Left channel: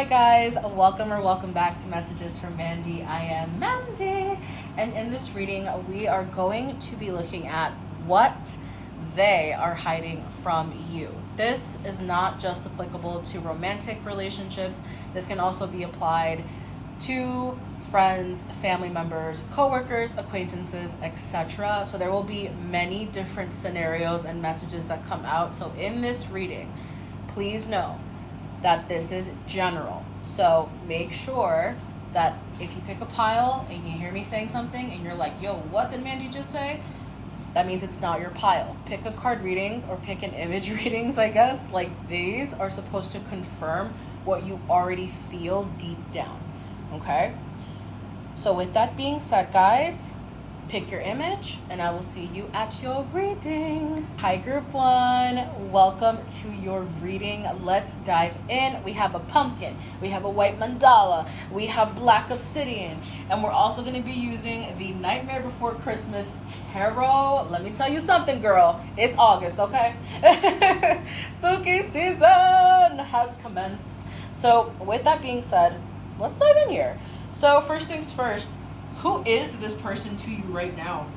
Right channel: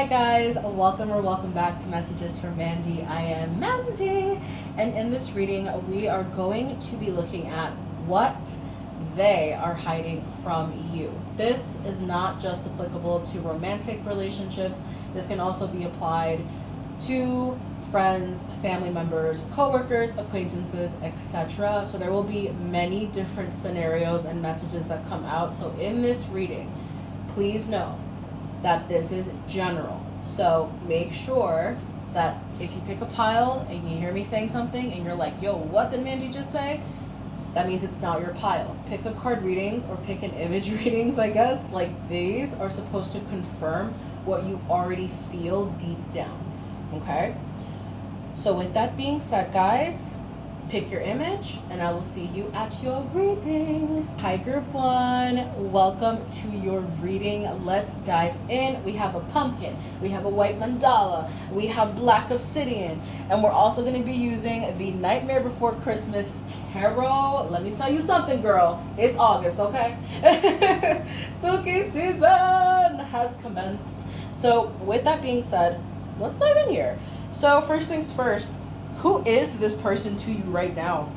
Hi guys, welcome back to Messages from Mandy. I am Mandy, and in this reading we are going to be looking at what they are hiding from you. This is not just applicable to romantic relationships. This can also be applied to friends, family members, co-workers, acquaintances, etc. So there will be many different scenarios and messages that come out. So in this reading, please know that this is general. So make sure that if you pick a pile and you hear me saying something and you're like, yo, what did Mandy just say? That means it's not your pile. Pick a card readings or pick an image readings, I guess. Like, these are supposed to confirm what you already feel deep down, okay? So with that being said, guys, pick your image and I will see you at your reading. Hi group one, welcome to your reading. Let's dive in. We have a pumpkin, we have a white mandala, we have black obsidian, and we're also going to be using the Nightmare Before Christmas tarot. Let me tell you something, girl, it's August, okay? Spooky season has commenced. So with that being said, let's dive in here. So first things first, who is this person to you right now?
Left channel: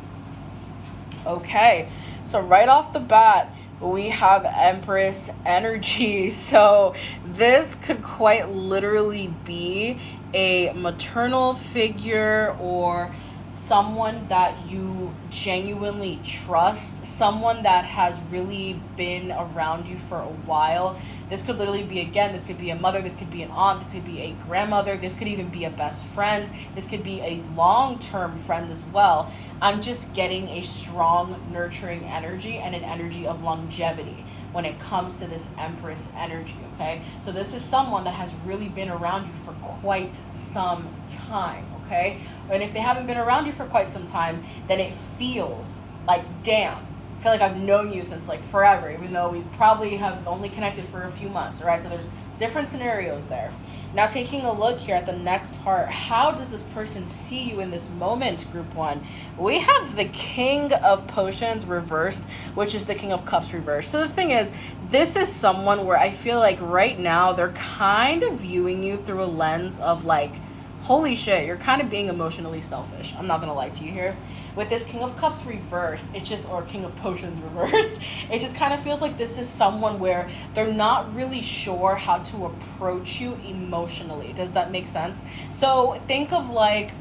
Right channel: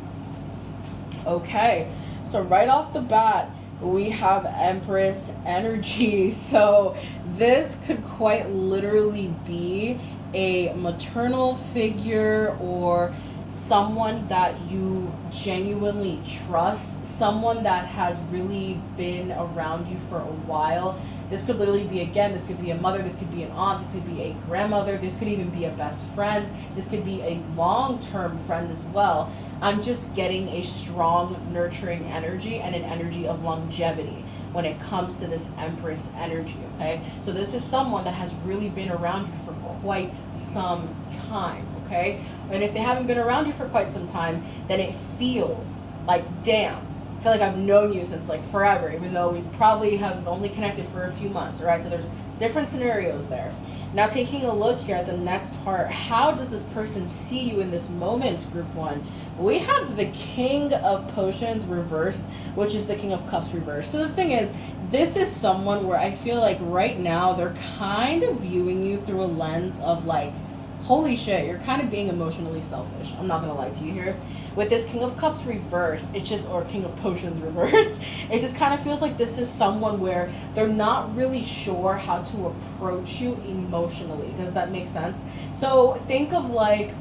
Okay, so right off the bat, we have Empress energy. So this could quite literally be a maternal figure or someone that you genuinely trust, someone that has really been around you for a while. This could literally be, again, this could be a mother, this could be an aunt, this could be a grandmother, this could even be a best friend, this could be a long-term friend as well. I'm just getting a strong, nurturing energy and an energy of longevity when it comes to this Empress energy, okay? So this is someone that has really been around you for quite some time, okay? And if they haven't been around you for quite some time, then it feels like, damn, I feel like I've known you since like forever, even though we probably have only connected for a few months, all right? So there's different scenarios there. Now taking a look here at the next part, how does this person see you in this moment, group one? We have the King of Potions reversed, which is the King of Cups reversed. So the thing is, this is someone where I feel like right now they're kind of viewing you through a lens of like, holy shit, you're kind of being emotionally selfish. I'm not gonna lie to you here. With this King of Cups reversed, or King of Potions reversed, it just kind of feels like this is someone where they're not really sure how to approach you emotionally. Does that make sense? So think of like,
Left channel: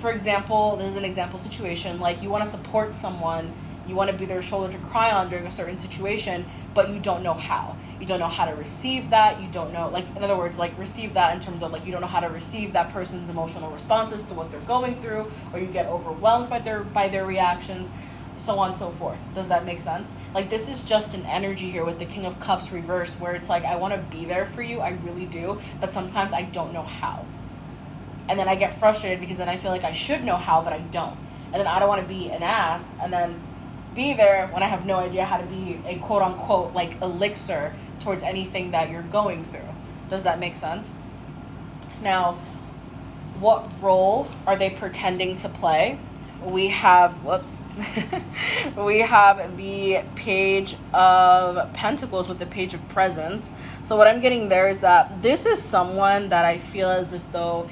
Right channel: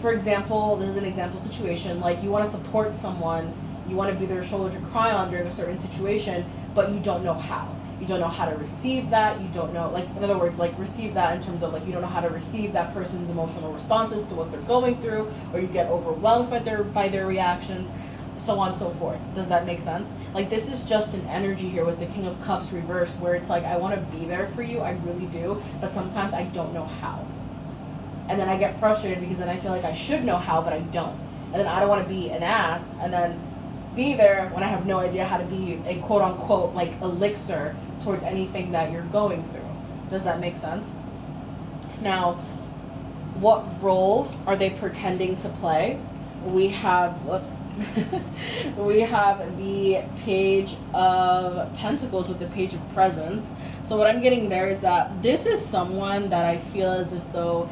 for example, this is an example situation, like you want to support someone, you want to be their shoulder to cry on during a certain situation, but you don't know how. You don't know how to receive that. You don't know, like, in other words, like receive that in terms of like, you don't know how to receive that person's emotional responses to what they're going through, or you get overwhelmed by their reactions, so on and so forth. Does that make sense? Like, this is just an energy here with the King of Cups reversed where it's like, I want to be there for you. I really do. But sometimes I don't know how. And then I get frustrated because then I feel like I should know how, but I don't. And then I don't want to be an ass and then be there when I have no idea how to be a quote unquote like elixir towards anything that you're going through. Does that make sense? Now, what role are they pretending to play? We have, we have the Page of Pentacles with the Page of Presents. So what I'm getting there is that this is someone that I feel as if though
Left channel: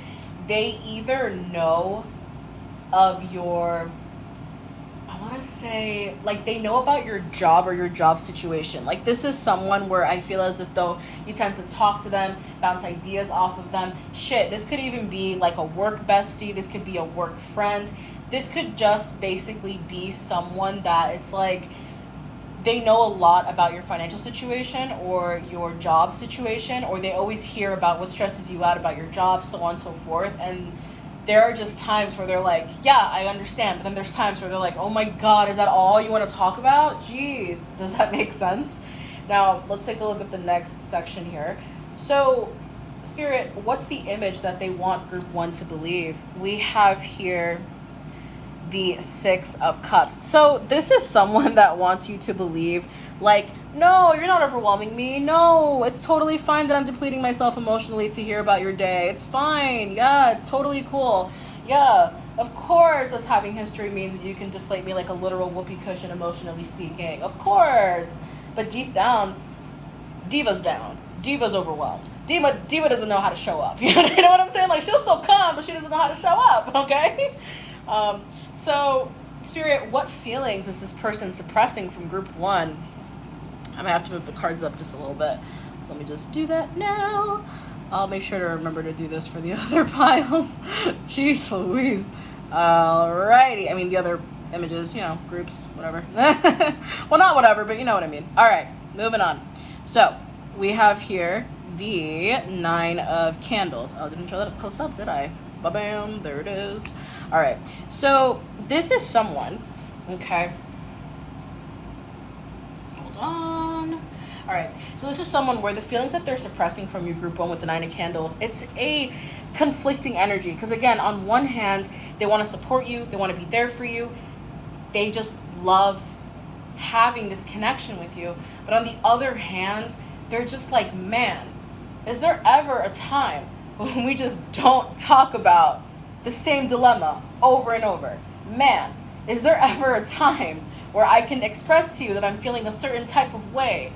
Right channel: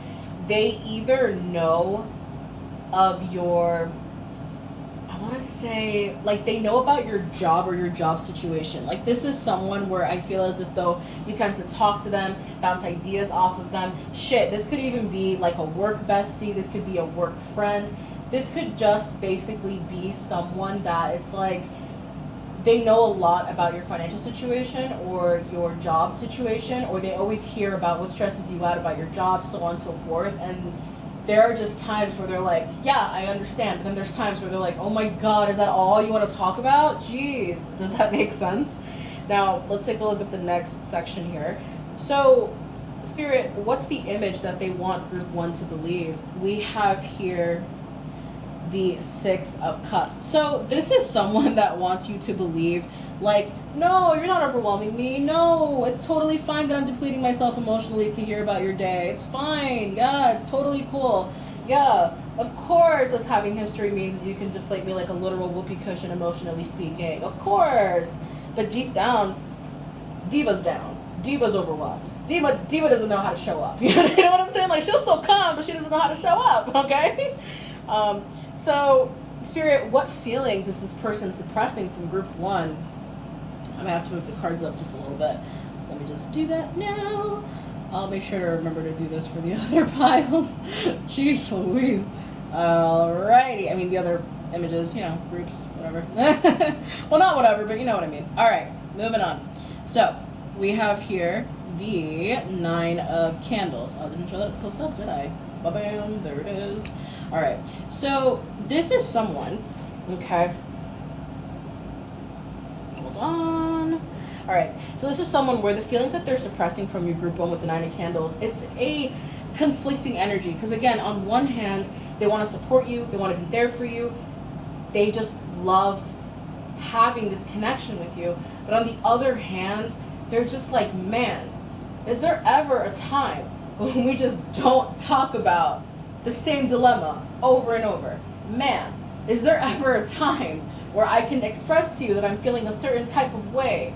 they either know of your, I want to say, like, they know about your job or your job situation. Like, this is someone where I feel as if though you tend to talk to them, bounce ideas off of them. Shit, this could even be like a work bestie. This could be a work friend. This could just basically be someone that it's like they know a lot about your financial situation or your job situation, or they always hear about what stresses you out about your job, so on and so forth. And there are just times where they're like, yeah, I understand. But then there's times where they're like, oh my God, is that all you want to talk about? Jeez, does that make sense? Now, let's take a look at the next section here. So, Spirit, what's the image that they want group one to believe? We have here the Six of Cups. So this is someone that wants you to believe, like, no, you're not overwhelming me. No, it's totally fine that I'm depleting myself emotionally to hear about your day. It's fine. Yeah, it's totally cool. Yeah, of course us having history means that you can deflate me like a literal whoopee cushion, emotionally speaking. Of course. But deep down, Diva's down. Diva's overwhelmed. Diva doesn't know how to show up. You know what I'm saying? Like, she'll still come, but she doesn't know how to show up, okay? So, Spirit, what feelings is this person suppressing from group 1? I'm going to have to move the cards up just a little bit. So let me just do that now. I'll make sure to remember to do this for the other piles. Jeez Louise. Alrighty. I mean, the other images, you know, groups, whatever. Well, not whatever, but you know what I mean. All right, moving on. So we have here the 9 of Candles. Oh, didn't show that up close up, did I? Ba-bam, there it is. All right, so this is someone, okay? Hold on. All right, so this is someone where the feelings that they're suppressing from your group 1 with the 9 of Candles, it's a conflicting energy. Because again, on one hand, they want to support you, they want to be there for you, they just love having this connection with you. But on the other hand, they're just like, man, is there ever a time when we just don't talk about the same dilemma over and over? Man, is there ever a time where I can express to you that I'm feeling a certain type of way?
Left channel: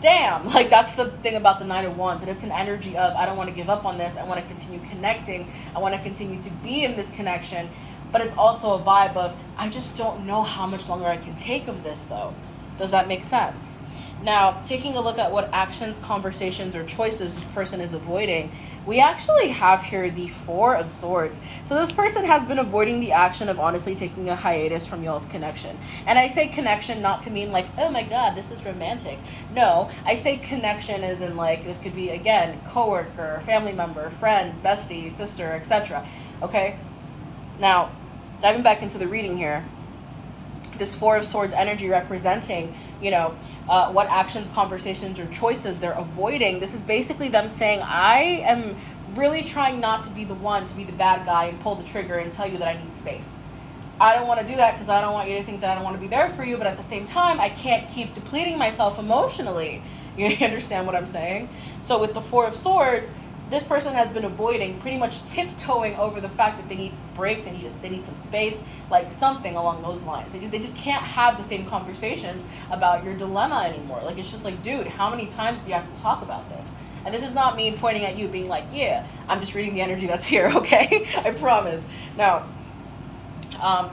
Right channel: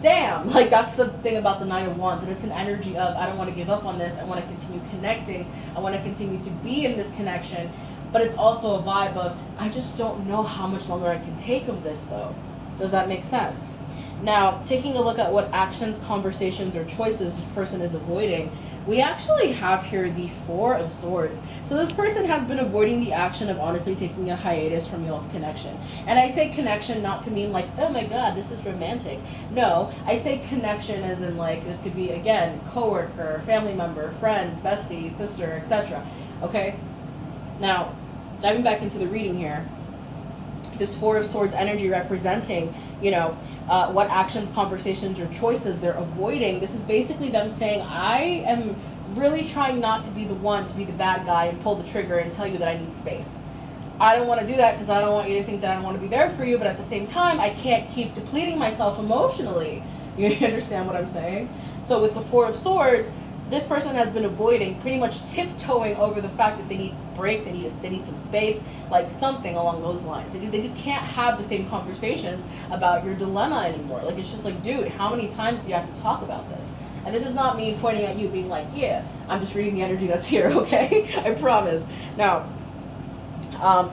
Damn, like that's the thing about the 9 of Wands, and it's an energy of, I don't want to give up on this, I want to continue connecting, I want to continue to be in this connection. But it's also a vibe of, I just don't know how much longer I can take of this though. Does that make sense? Now, taking a look at what actions, conversations, or choices this person is avoiding, we actually have here the 4 of Swords. So this person has been avoiding the action of honestly taking a hiatus from y'all's connection. And I say connection not to mean like, oh my God, this is romantic. No, I say connection as in like, this could be, again, coworker, family member, friend, bestie, sister, etc. Okay? Now, diving back into the reading here, this 4 of Swords energy representing, you know, what actions, conversations, or choices they're avoiding. This is basically them saying, I am really trying not to be the one to be the bad guy and pull the trigger and tell you that I need space. I don't want to do that because I don't want you to think that I don't want to be there for you, but at the same time, I can't keep depleting myself emotionally. You understand what I'm saying? So with the 4 of Swords, this person has been avoiding, pretty much tiptoeing over the fact that they need a break, they need some space, like something along those lines. They just can't have the same conversations about your dilemma anymore. Like, it's just like, dude, how many times do you have to talk about this? And this is not me pointing at you being like, yeah, I'm just reading the energy that's here, okay? I promise. Now,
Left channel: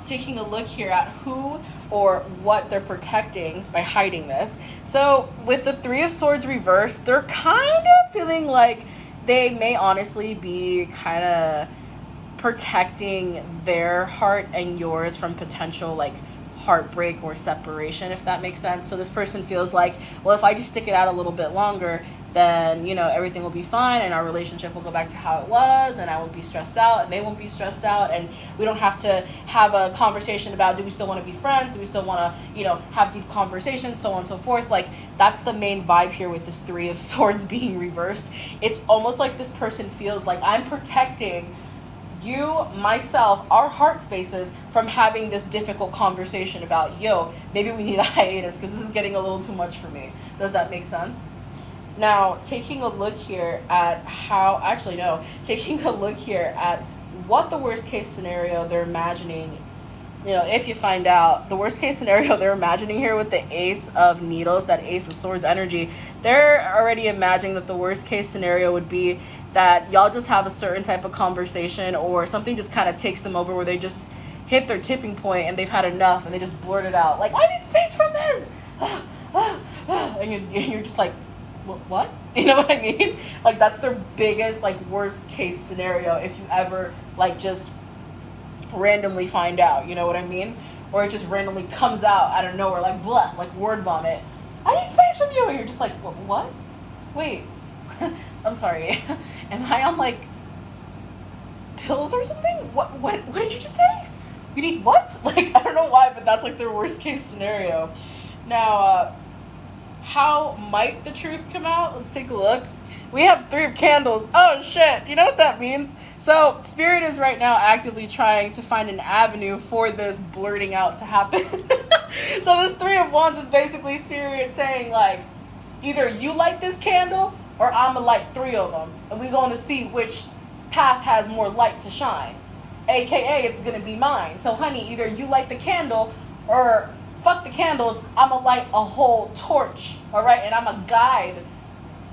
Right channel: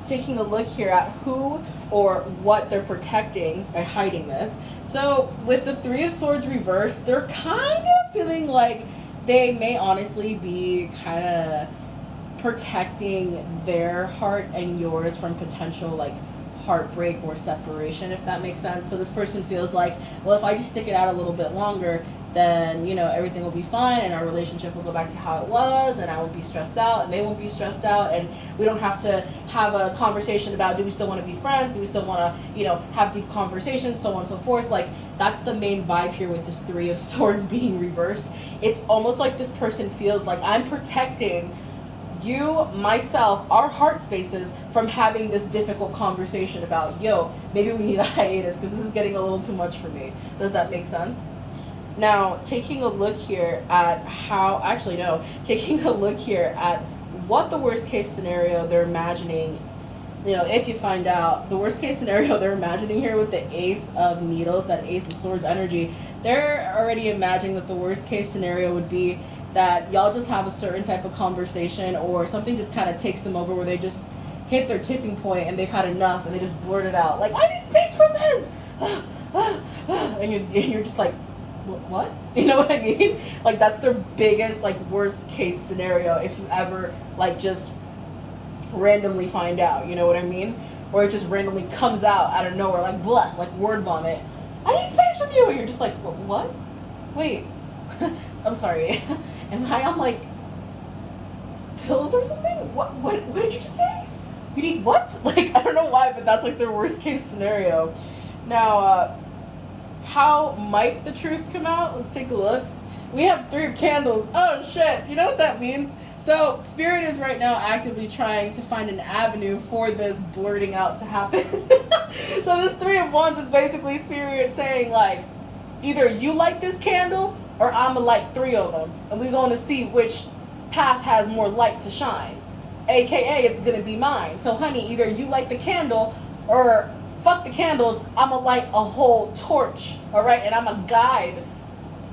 taking a look here at who or what they're protecting by hiding this. So with the 3 of Swords reversed, they're kind of feeling like they may honestly be kind of protecting their heart and yours from potential like heartbreak or separation, if that makes sense. So this person feels like, well, if I just stick it out a little bit longer, then, you know, everything will be fine and our relationship will go back to how it was and I won't be stressed out and they won't be stressed out and we don't have to have a conversation about, do we still want to be friends? Do we still want to, you know, have deep conversations, so on and so forth. Like, that's the main vibe here with this 3 of Swords being reversed. It's almost like this person feels like, I'm protecting you, myself, our heart spaces from having this difficult conversation about, yo, maybe we need a hiatus because this is getting a little too much for me. Does that make sense? Now, taking a look here at taking a look here at what the worst case scenario they're imagining, you know, if you find out, the worst case scenario they're imagining here with the Ace of Needles, that Ace of Swords energy, they're already imagining that the worst case scenario would be that y'all just have a certain type of conversation or something just kind of takes them over where they just hit their tipping point and they've had enough and they just blurt it out like, I need space from this. And you're just like, what? You know what I mean? Like, that's their biggest, like, worst case scenario if you ever, like, just randomly find out, you know what I mean? Or it just randomly comes out of nowhere, like, blah, like word vomit. I need space from you. And you're just like, what? Wait, I'm sorry. Am I on, like, pills or something? What did you just say? You need what? Like, I don't know why, but that's, like, their worst case scenario. Now, how might the truth come out? Let's take a look. We have 3 of Candles. Oh shit, you know what that means? So Spirit is right now actively trying to find an avenue for this blurting out to happen. So this 3 of Wands is basically Spirit saying, like, either you light this candle or I'ma light 3 of them, and we're going to see which path has more light to shine, aka it's gonna be mine. So honey, either you light the candle or fuck the candles, I'ma light a whole torch, all right? And I'ma guide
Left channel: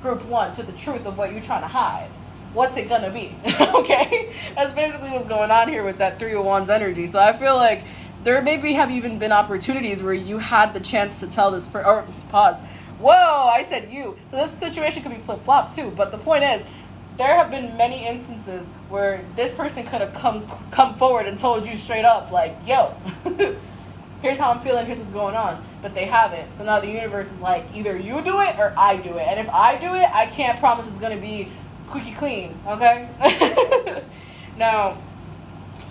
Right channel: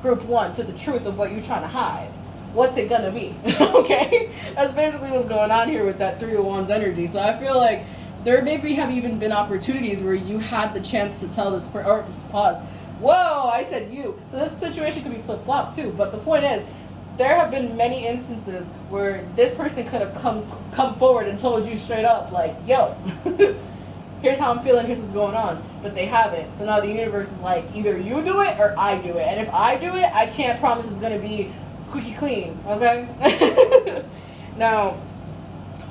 group one to the truth of what you're trying to hide. What's it gonna be? Okay? That's basically what's going on here with that Three of Wands energy. So I feel like there maybe have even been opportunities where you had the chance to tell this or pause. Whoa, I said you. So this situation could be flip-flop too. But the point is, there have been many instances where this person could have come forward and told you straight up, like, yo, here's how I'm feeling, here's what's going on. But they haven't. So now the universe is like, either you do it or I do it. And if I do it, I can't promise it's going to be squeaky clean, okay? Now,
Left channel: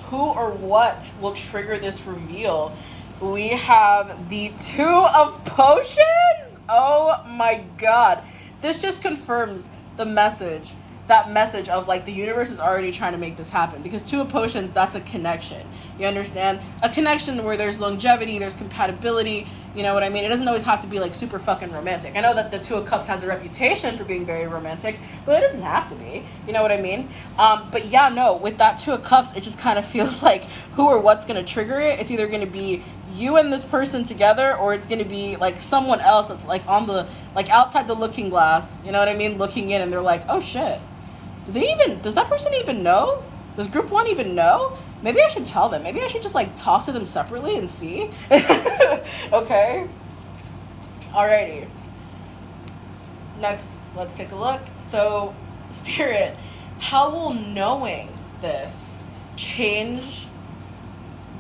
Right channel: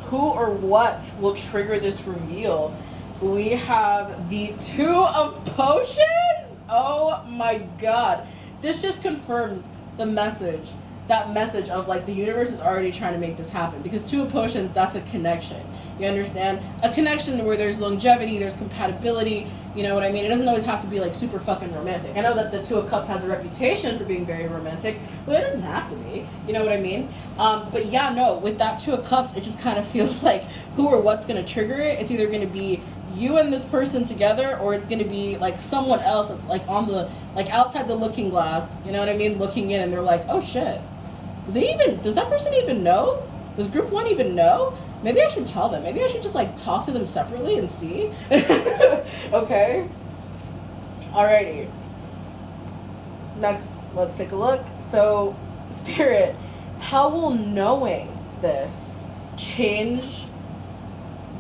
who or what will trigger this reveal? We have the Two of Potions. Oh my God. This just confirms the message. That message of like the universe is already trying to make this happen, because Two of Potions, that's a connection. You understand? A connection where there's longevity, there's compatibility, you know what I mean? It doesn't always have to be like super fucking romantic. I know that the Two of Cups has a reputation for being very romantic, but it doesn't have to be, you know what I mean? But yeah, no, with that Two of Cups, it just kind of feels like who or what's going to trigger it. It's either going to be you and this person together, or it's going to be like someone else that's like on the, like outside the looking glass, you know what I mean? Looking in, and they're like, oh shit. Does that person even know? Does group one even know? Maybe I should tell them. Maybe I should just like talk to them separately and see. Okay. Alrighty. Next, let's take a look. So, Spirit, how will knowing this change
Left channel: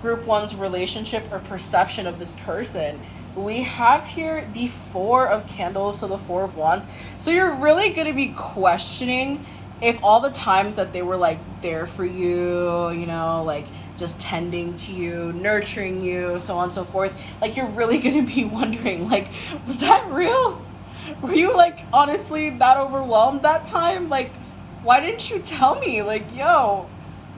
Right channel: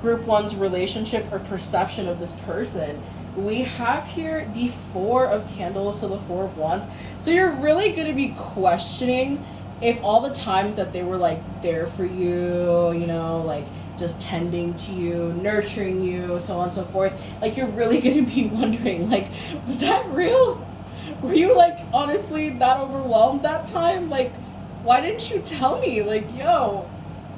group one's relationship or perception of this person? We have here the Four of Candles, so the Four of Wands. So you're really going to be questioning if all the times that they were like there for you, you know, like just tending to you, nurturing you, so on and so forth, like you're really gonna be wondering, like, was that real? Were you like honestly that overwhelmed that time? Like, why didn't you tell me? Like, yo,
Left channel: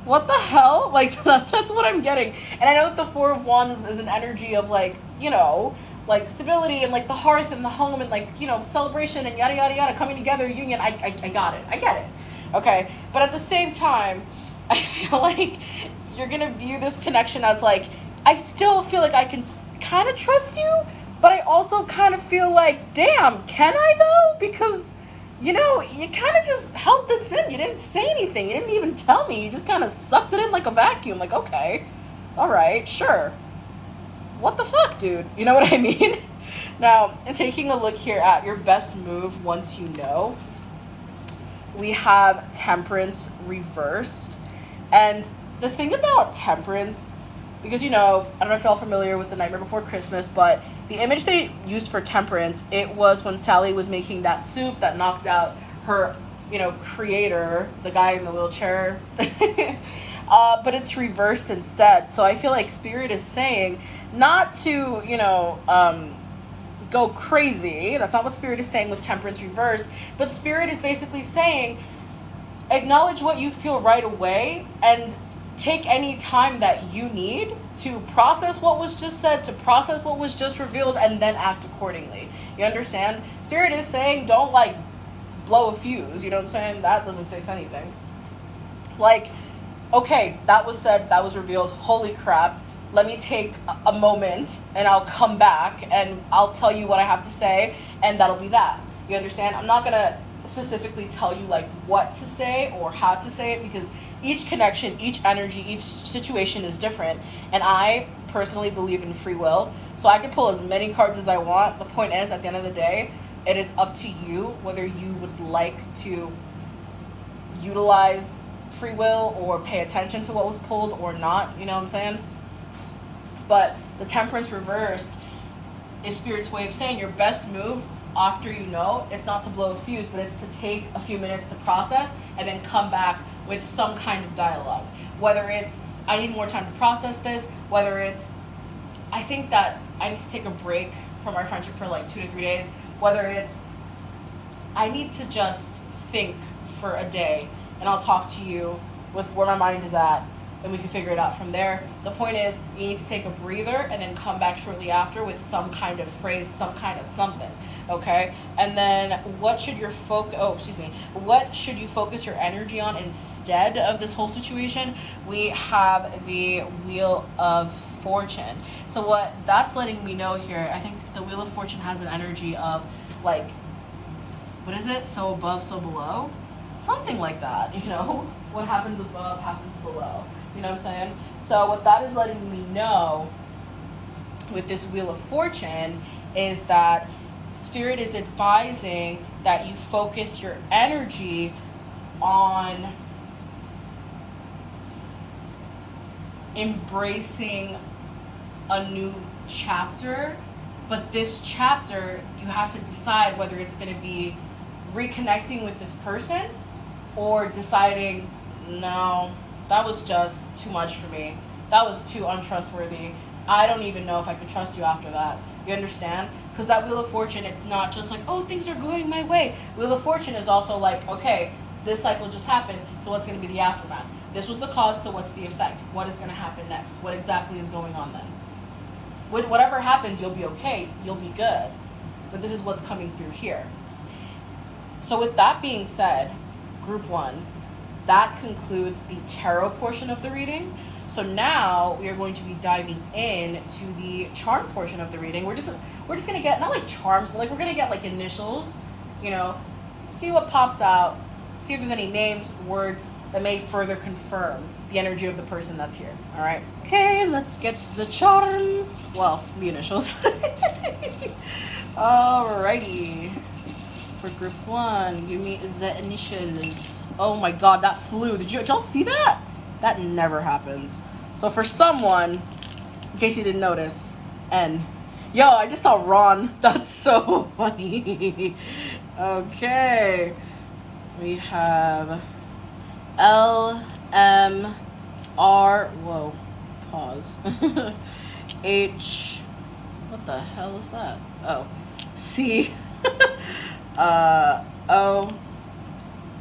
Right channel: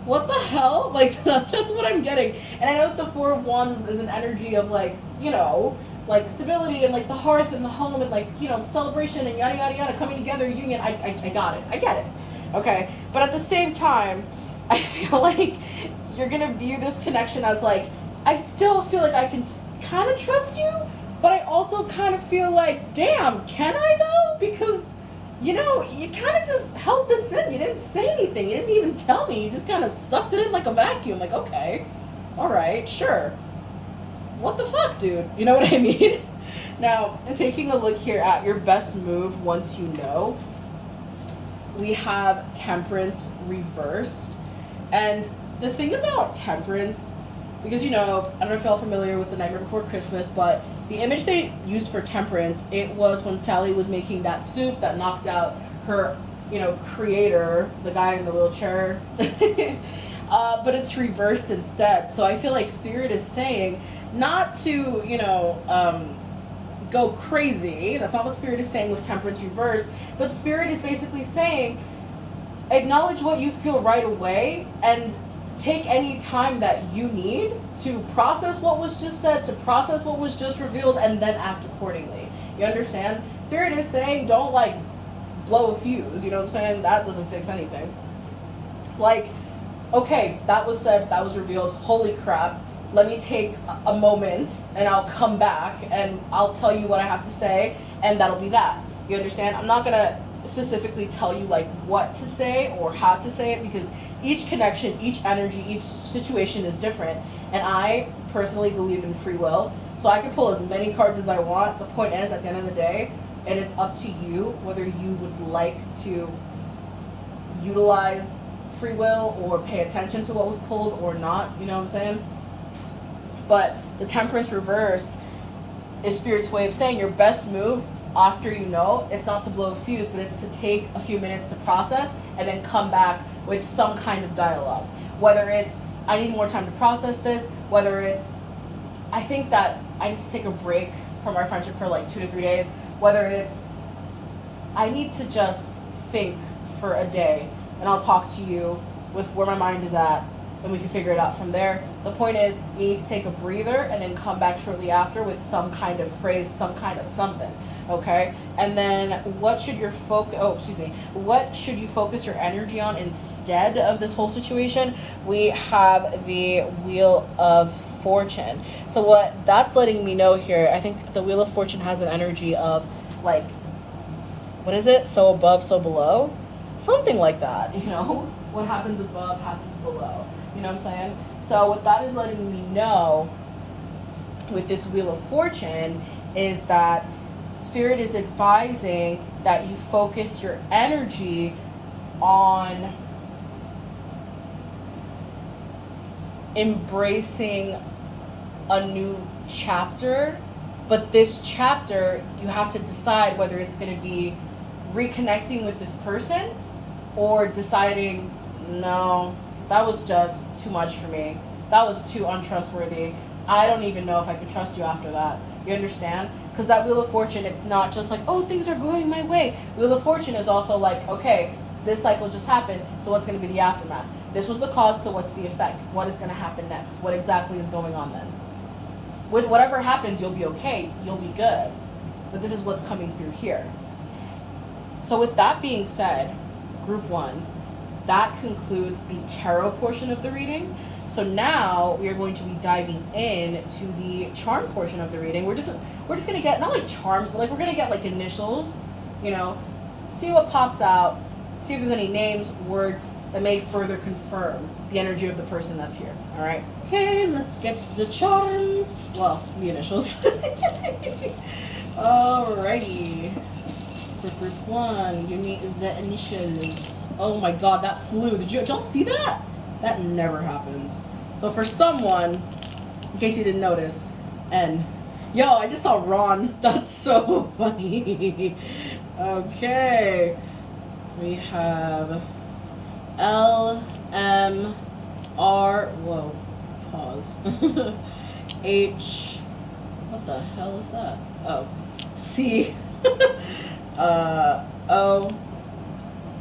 what the hell? Like, that's what I'm getting. And I know that the Four of Wands is an energy of like, you know, like stability and like the hearth and the home and like, you know, celebration and yada yada yada, coming together, union. I got it. I get it. Okay, but at the same time, I feel like you're gonna view this connection as like, I still feel like I can kind of trust you, but I also kind of feel like, damn, can I though? Because, you know, you kind of just held this in. You didn't say anything. You didn't even tell me. You just kind of sucked it in like a vacuum. Like, okay, all right, sure. What the fuck, dude? You know what I mean? Now, taking a look here at your best move once you know, we have Temperance reversed. And the thing about Temperance, because, you know, I don't know if y'all familiar with The Nightmare Before Christmas, but the image they used for Temperance, it was when Sally was making that soup that knocked out her, you know, creator, the guy in the wheelchair. But it's reversed instead. So I feel like Spirit is saying not to, you know, go crazy. That's not what Spirit is saying with Temperance reversed, but Spirit is basically saying acknowledge what you feel right away and take any time that you need to process what was just said, to process what was just revealed, and then act accordingly. You understand? Spirit is saying don't like blow a fuse, you know what I'm saying? That doesn't fix anything. Like, okay, that was said, that was revealed, holy crap. Let me take a moment and I'll come back and I'll tell you what I have to say, and that'll be that. You understand? I'm not going to specifically tell you like what to say or how to say it, because each connection, each energy, each situation is different. And I personally believe in free will. So I can pull as many cards as I want. The point is, at the end of the day, it is up to you whether you would like to utilize free will or pay attention to what was pulled or not. You know what I'm saying? But the Temperance reversed is Spirit's way of saying your best move after you know, it's not to blow a fuse, but it's to take a few minutes to process and then come back with some kind of dialogue. Whether it's, I need more time to process this, whether it's, I think that I need to take a break from our friendship for like 2 to 3 days, whether it's, I need to just think for a day and I'll talk to you with where my mind is at, and we can figure it out from there. The point is, you need to take a breather and then come back shortly after with some kind of phrase, some kind of something, okay? And then what should you focus your energy on instead of this whole situation? We have the Wheel of Fortune. So what that's letting me know here, I think the Wheel of Fortune has an energy of like what is it? So above, so below? Something like that, you know? What happens above happens below. You know what I'm saying? So what that is letting me know with this Wheel of Fortune is that Spirit is advising that you focus your energy on embracing a new chapter, but this chapter you have to decide whether it's going to be reconnecting with this person or deciding, no, that was just too much for me, that was too untrustworthy, I don't even know if I could trust you after that. You understand? Because that Wheel of Fortune, it's not just like, oh, things are going my way. Wheel of Fortune is also like, okay, this cycle just happened, so what's going to be the aftermath? This was the cause, so what's the effect? What is going to happen next? What exactly is going on then? Whatever happens, you'll be okay. You'll be good. But this is what's coming through here. So with that being said, group 1, that concludes the tarot portion of the reading. So now we are going to be diving into the charm portion of the reading. We're just going to get, not like charms, but like we're going to get like initials, you know, see what pops out, see if there's any names, words that may further confirm the energy of the person that's here. All right. Okay, let's get the charms. Well, the initials. Alrighty. For group 1, give me the initials. Oh my God, that flew. Did y'all see that? That never happens. So for someone, in case you didn't notice, N. Yo, I just saw Ron. That's so funny. Okay. We have L, M, R, whoa, pause. H, what the hell is that? Oh, C, O,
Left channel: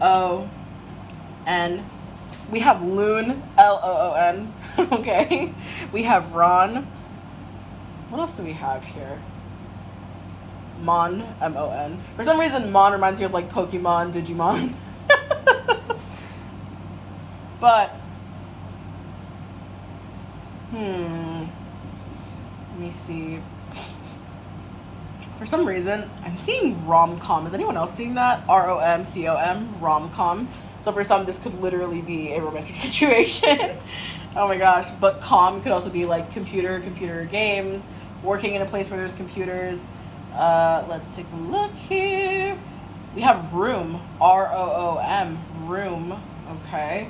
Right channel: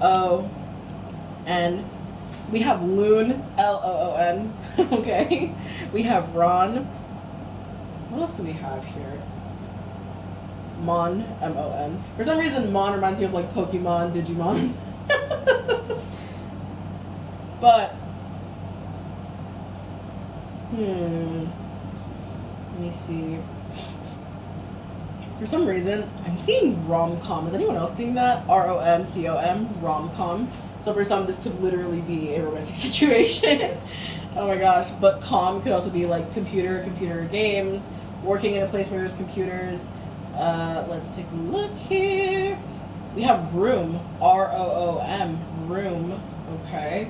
O, N. We have Loon, Loon. Okay. We have Ron. What else do we have here? Mon, M-O-N. For some reason, Mon reminds me of like Pokemon, Digimon. But, let me see. For some reason, I'm seeing rom-com. Is anyone else seeing that? R-O-M-C-O-M, rom-com. So for some, this could literally be a romantic situation. Oh my gosh. But com could also be like computer games, working in a place where there's computers. Let's take a look here. We have room, R-O-O-M, room. Okay.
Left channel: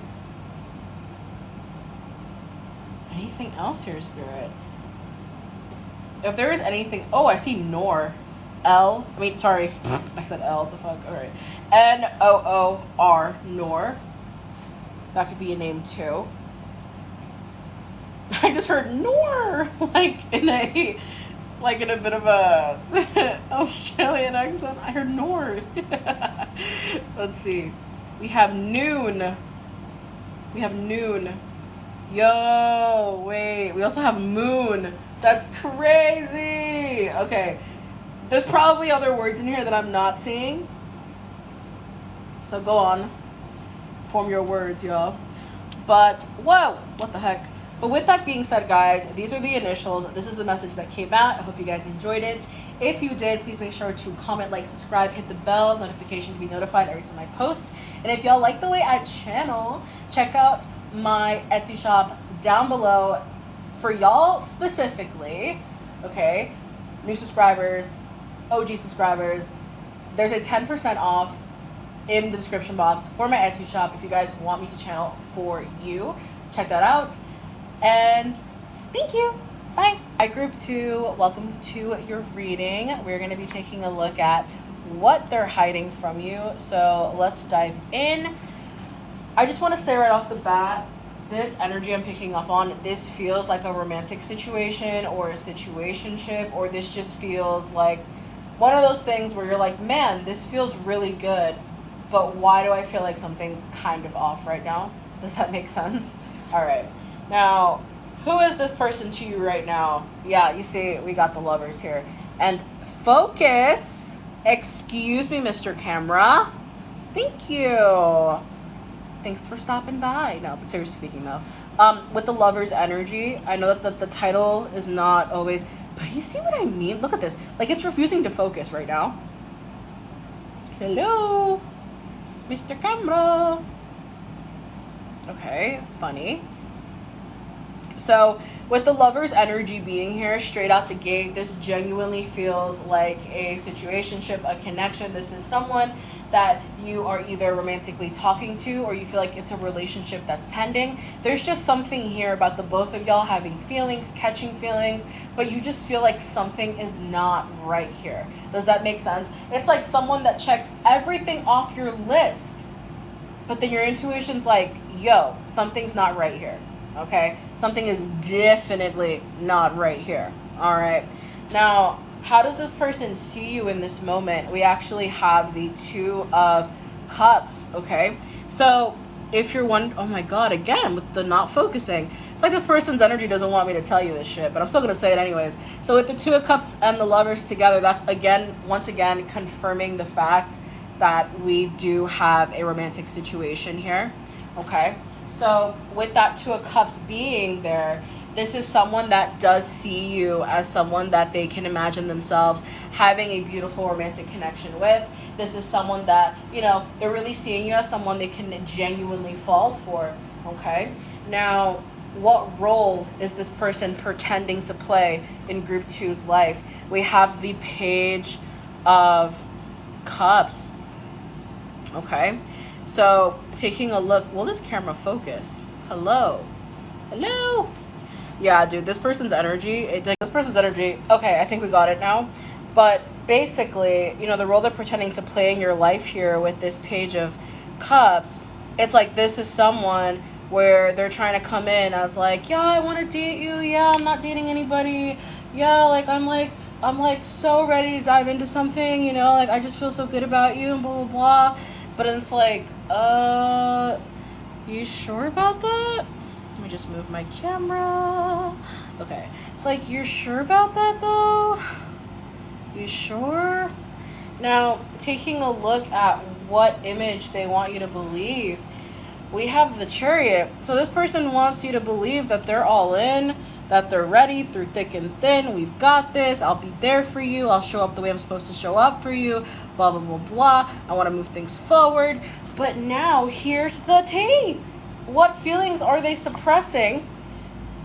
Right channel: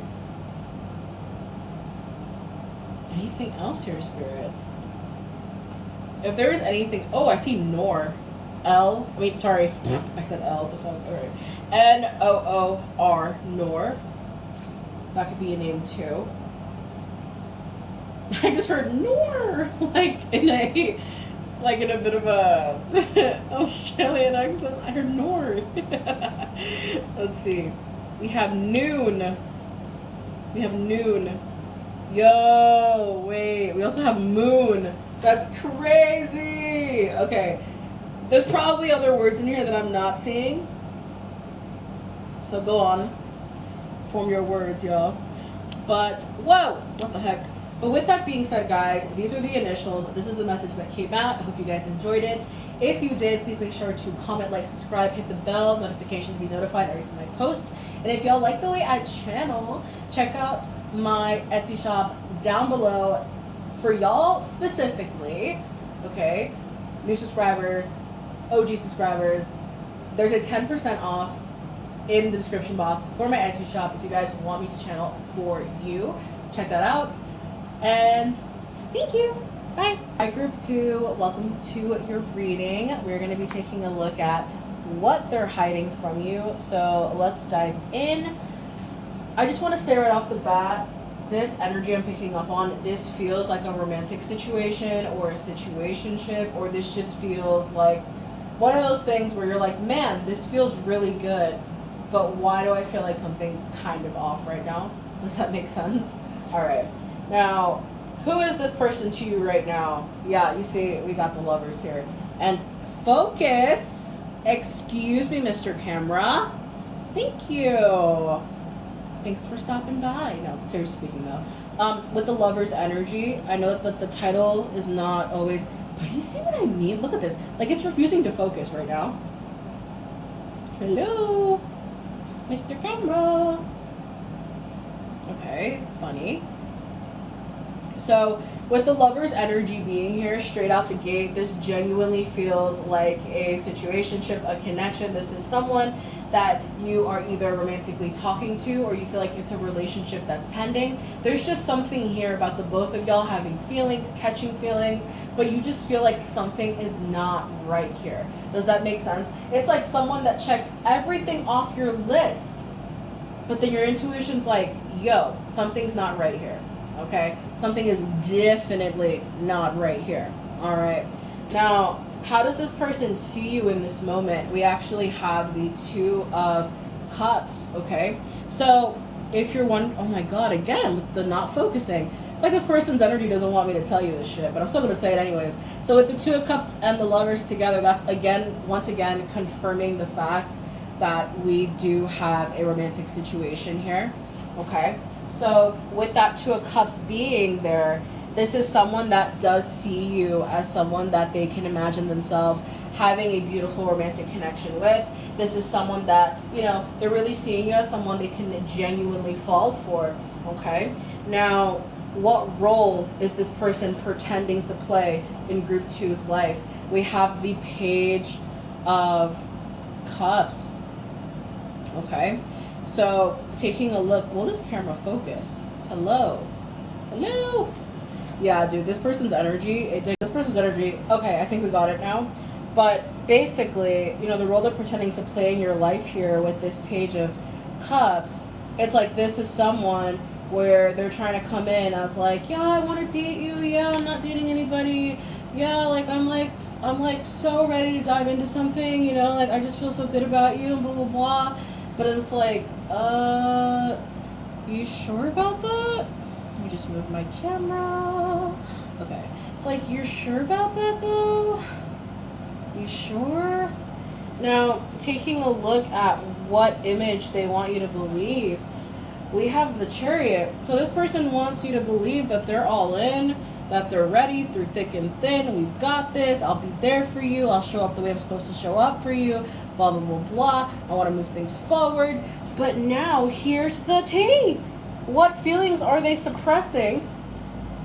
Anything else here, Spirit? If there is anything, oh, I see Nor. I said L, the fuck, all right. N-O-O-R, Nor. That could be a name too. I just heard Nor, like in a bit of a Australian accent. I heard Nor. Let's see. We have Noon. Yo, wait. We also have Moon. That's crazy. Okay. There's probably other words in here that I'm not seeing. So go on. Form your words, y'all. But, whoa, what the heck? But with that being said, guys, these are the initials. This is the message that came out. I hope you guys enjoyed it. If you did, please make sure to comment, like, subscribe, hit the bell notification to be notified every time I post. And if y'all like the way I channel, check out my Etsy shop down below for y'all specifically. Okay? New subscribers, OG subscribers, there's a 10% off in the description box for my Etsy shop if you guys want me to channel for you. Check that out. And thank you. Bye. Hi, group 2. Welcome to your reading. We're going to be taking a look at what they're hiding from you. So let's dive in. I just want to say right off the bat, this energy I'm picking up on, this feels like a romantic situation or a situationship, or this just feels like one of those things where you're like, man, this feels really good, but why do I feel like something's kind of off right now? Does that make sense? All right. Now, who is this person to you right now? Yeah, you see, we got the Lovers here. And focus. Excuse me, Mr. Camera. Thank you. Thanks for stopping by. No, but seriously speaking though, with the Lovers energy, I know that the title is not always, but you see what I mean? Look at this. Like, it's refusing to focus right now. Hello, Mr. Camera. Okay, funny. So with the Lover's energy being here straight out the gate, this genuinely feels like a situationship, a connection. This is someone that you are either romantically talking to, or you feel like it's a relationship that's pending. There's just something here about the both of y'all having feelings, catching feelings, but you just feel like something is not right here. Does that make sense? It's like someone that checks everything off your list, but then your intuition's like, yo, something's not right here. Okay, something is definitely not right here. All right, now how does this person see you in this moment? We actually have the Two of Cups. Okay, so if you're one, oh my god, again with the not focusing, it's like this person's energy doesn't want me to tell you this shit, but I'm still gonna say it anyways. So with the Two of Cups and the Lovers together, that's once again confirming the fact that we do have a romantic situation here. Okay, so with that Two of Cups being there, this is someone that does see you as someone that they can imagine themselves having a beautiful romantic connection with. This is someone that, you know, they're really seeing you as someone they can genuinely fall for. Okay, now what role is this person pretending to play in group two's life? We have the Page of Cups. Okay, so taking a look, will this camera focus? Hello? Yeah, dude, this person's energy, okay, I think we got it now. But basically, you know, the role they're pretending to play in your life here with this Page of Cups, it's like this is someone where they're trying to come in as like, yeah, I want to date you, yeah, I'm not dating anybody, yeah, like I'm like so ready to dive into something, you know, like I just feel so good about you and blah blah blah. But it's like, you sure about that? Let me just move my camera. Okay, it's like, you're sure about that though? You sure? Now, taking a look at what image they want you to believe, we have the Chariot. So this person wants you to believe that they're all in, that they're ready through thick and thin. We've got this. I'll be there for you. I'll show up the way I'm supposed to show up for you. Blah, blah, blah, blah. I want to move things forward. But now here's the tea. What feelings are they suppressing?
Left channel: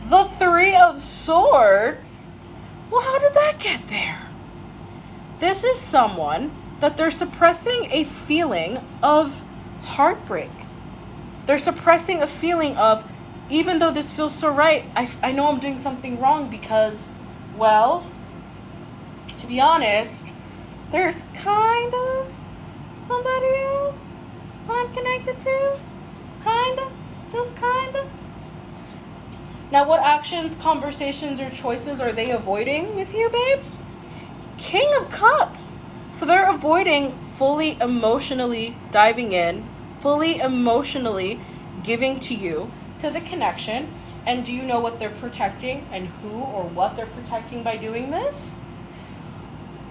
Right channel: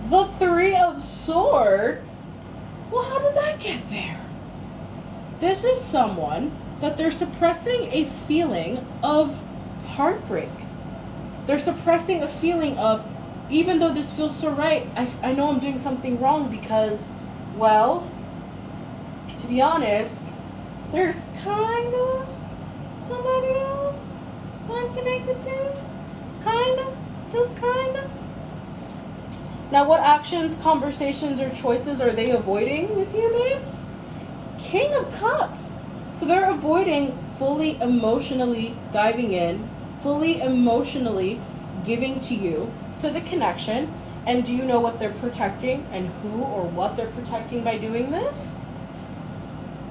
The Three of Swords. Well, how did that get there? This is someone that they're suppressing a feeling of heartbreak. They're suppressing a feeling of, even though this feels so right, I know I'm doing something wrong because, well, to be honest, there's kind of somebody else I'm connected to. Kind of. Just kind of. Now, what actions, conversations, or choices are they avoiding with you, babes? King of Cups. So they're avoiding fully emotionally diving in, fully emotionally giving to you, to the connection. And do you know what they're protecting and who or what they're protecting by doing this?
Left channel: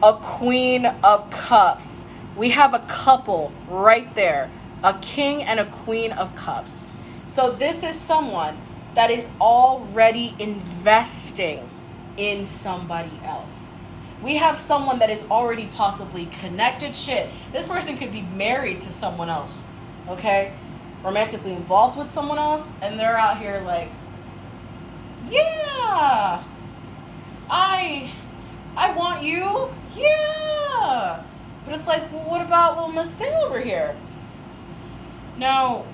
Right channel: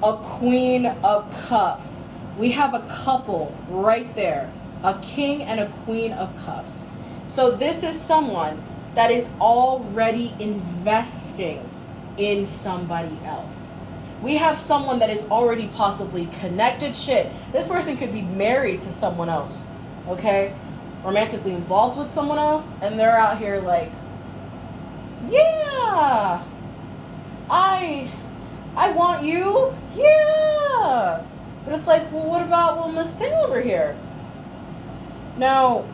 A Queen of Cups. We have a couple right there, a King and a Queen of Cups. So this is someone that is already investing in somebody else. We have someone that is already possibly connected. Shit, this person could be married to someone else, okay? Romantically involved with someone else, and they're out here like, yeah, I want you, yeah. But it's like, well, what about little Miss Thing over here? Now,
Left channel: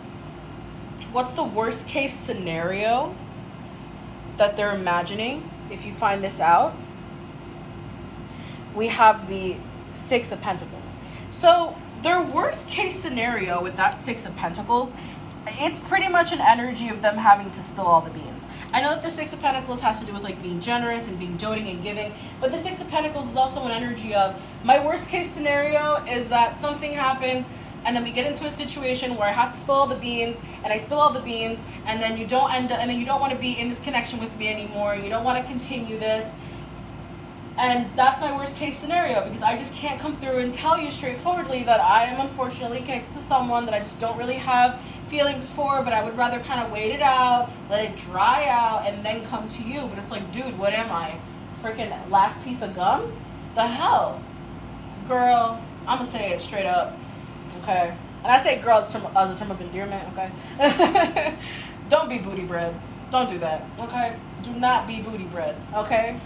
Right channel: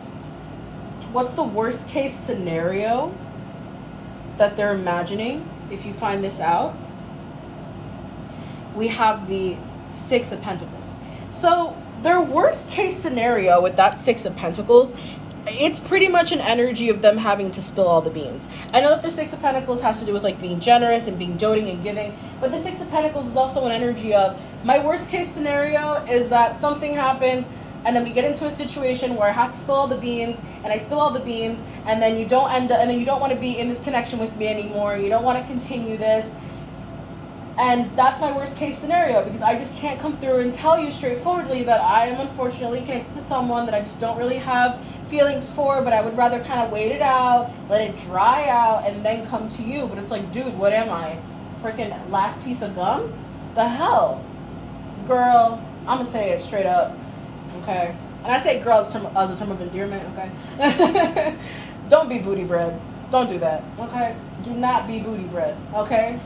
what's the worst case scenario that they're imagining if you find this out? We have the Six of Pentacles. So their worst case scenario with that Six of Pentacles, it's pretty much an energy of them having to spill all the beans. I know that the Six of Pentacles has to do with like being generous and being doting and giving, but the Six of Pentacles is also an energy of, my worst case scenario is that something happens and then we get into a situation where I have to spill all the beans, and I spill all the beans, and then you don't want to be in this connection with me anymore, you don't want to continue this. And that's my worst case scenario, because I just can't come through and tell you straightforwardly that I am unfortunately connected to someone that I just don't really have feelings for, but I would rather kind of wait it out, let it dry out, and then come to you. But it's like, dude, what am I? Freaking last piece of gum? The hell? Girl, I'm gonna say it straight up. okay? And I say girl as a term of endearment, okay? Don't be booty bread. Don't do that, okay? Do not be booty bread, okay?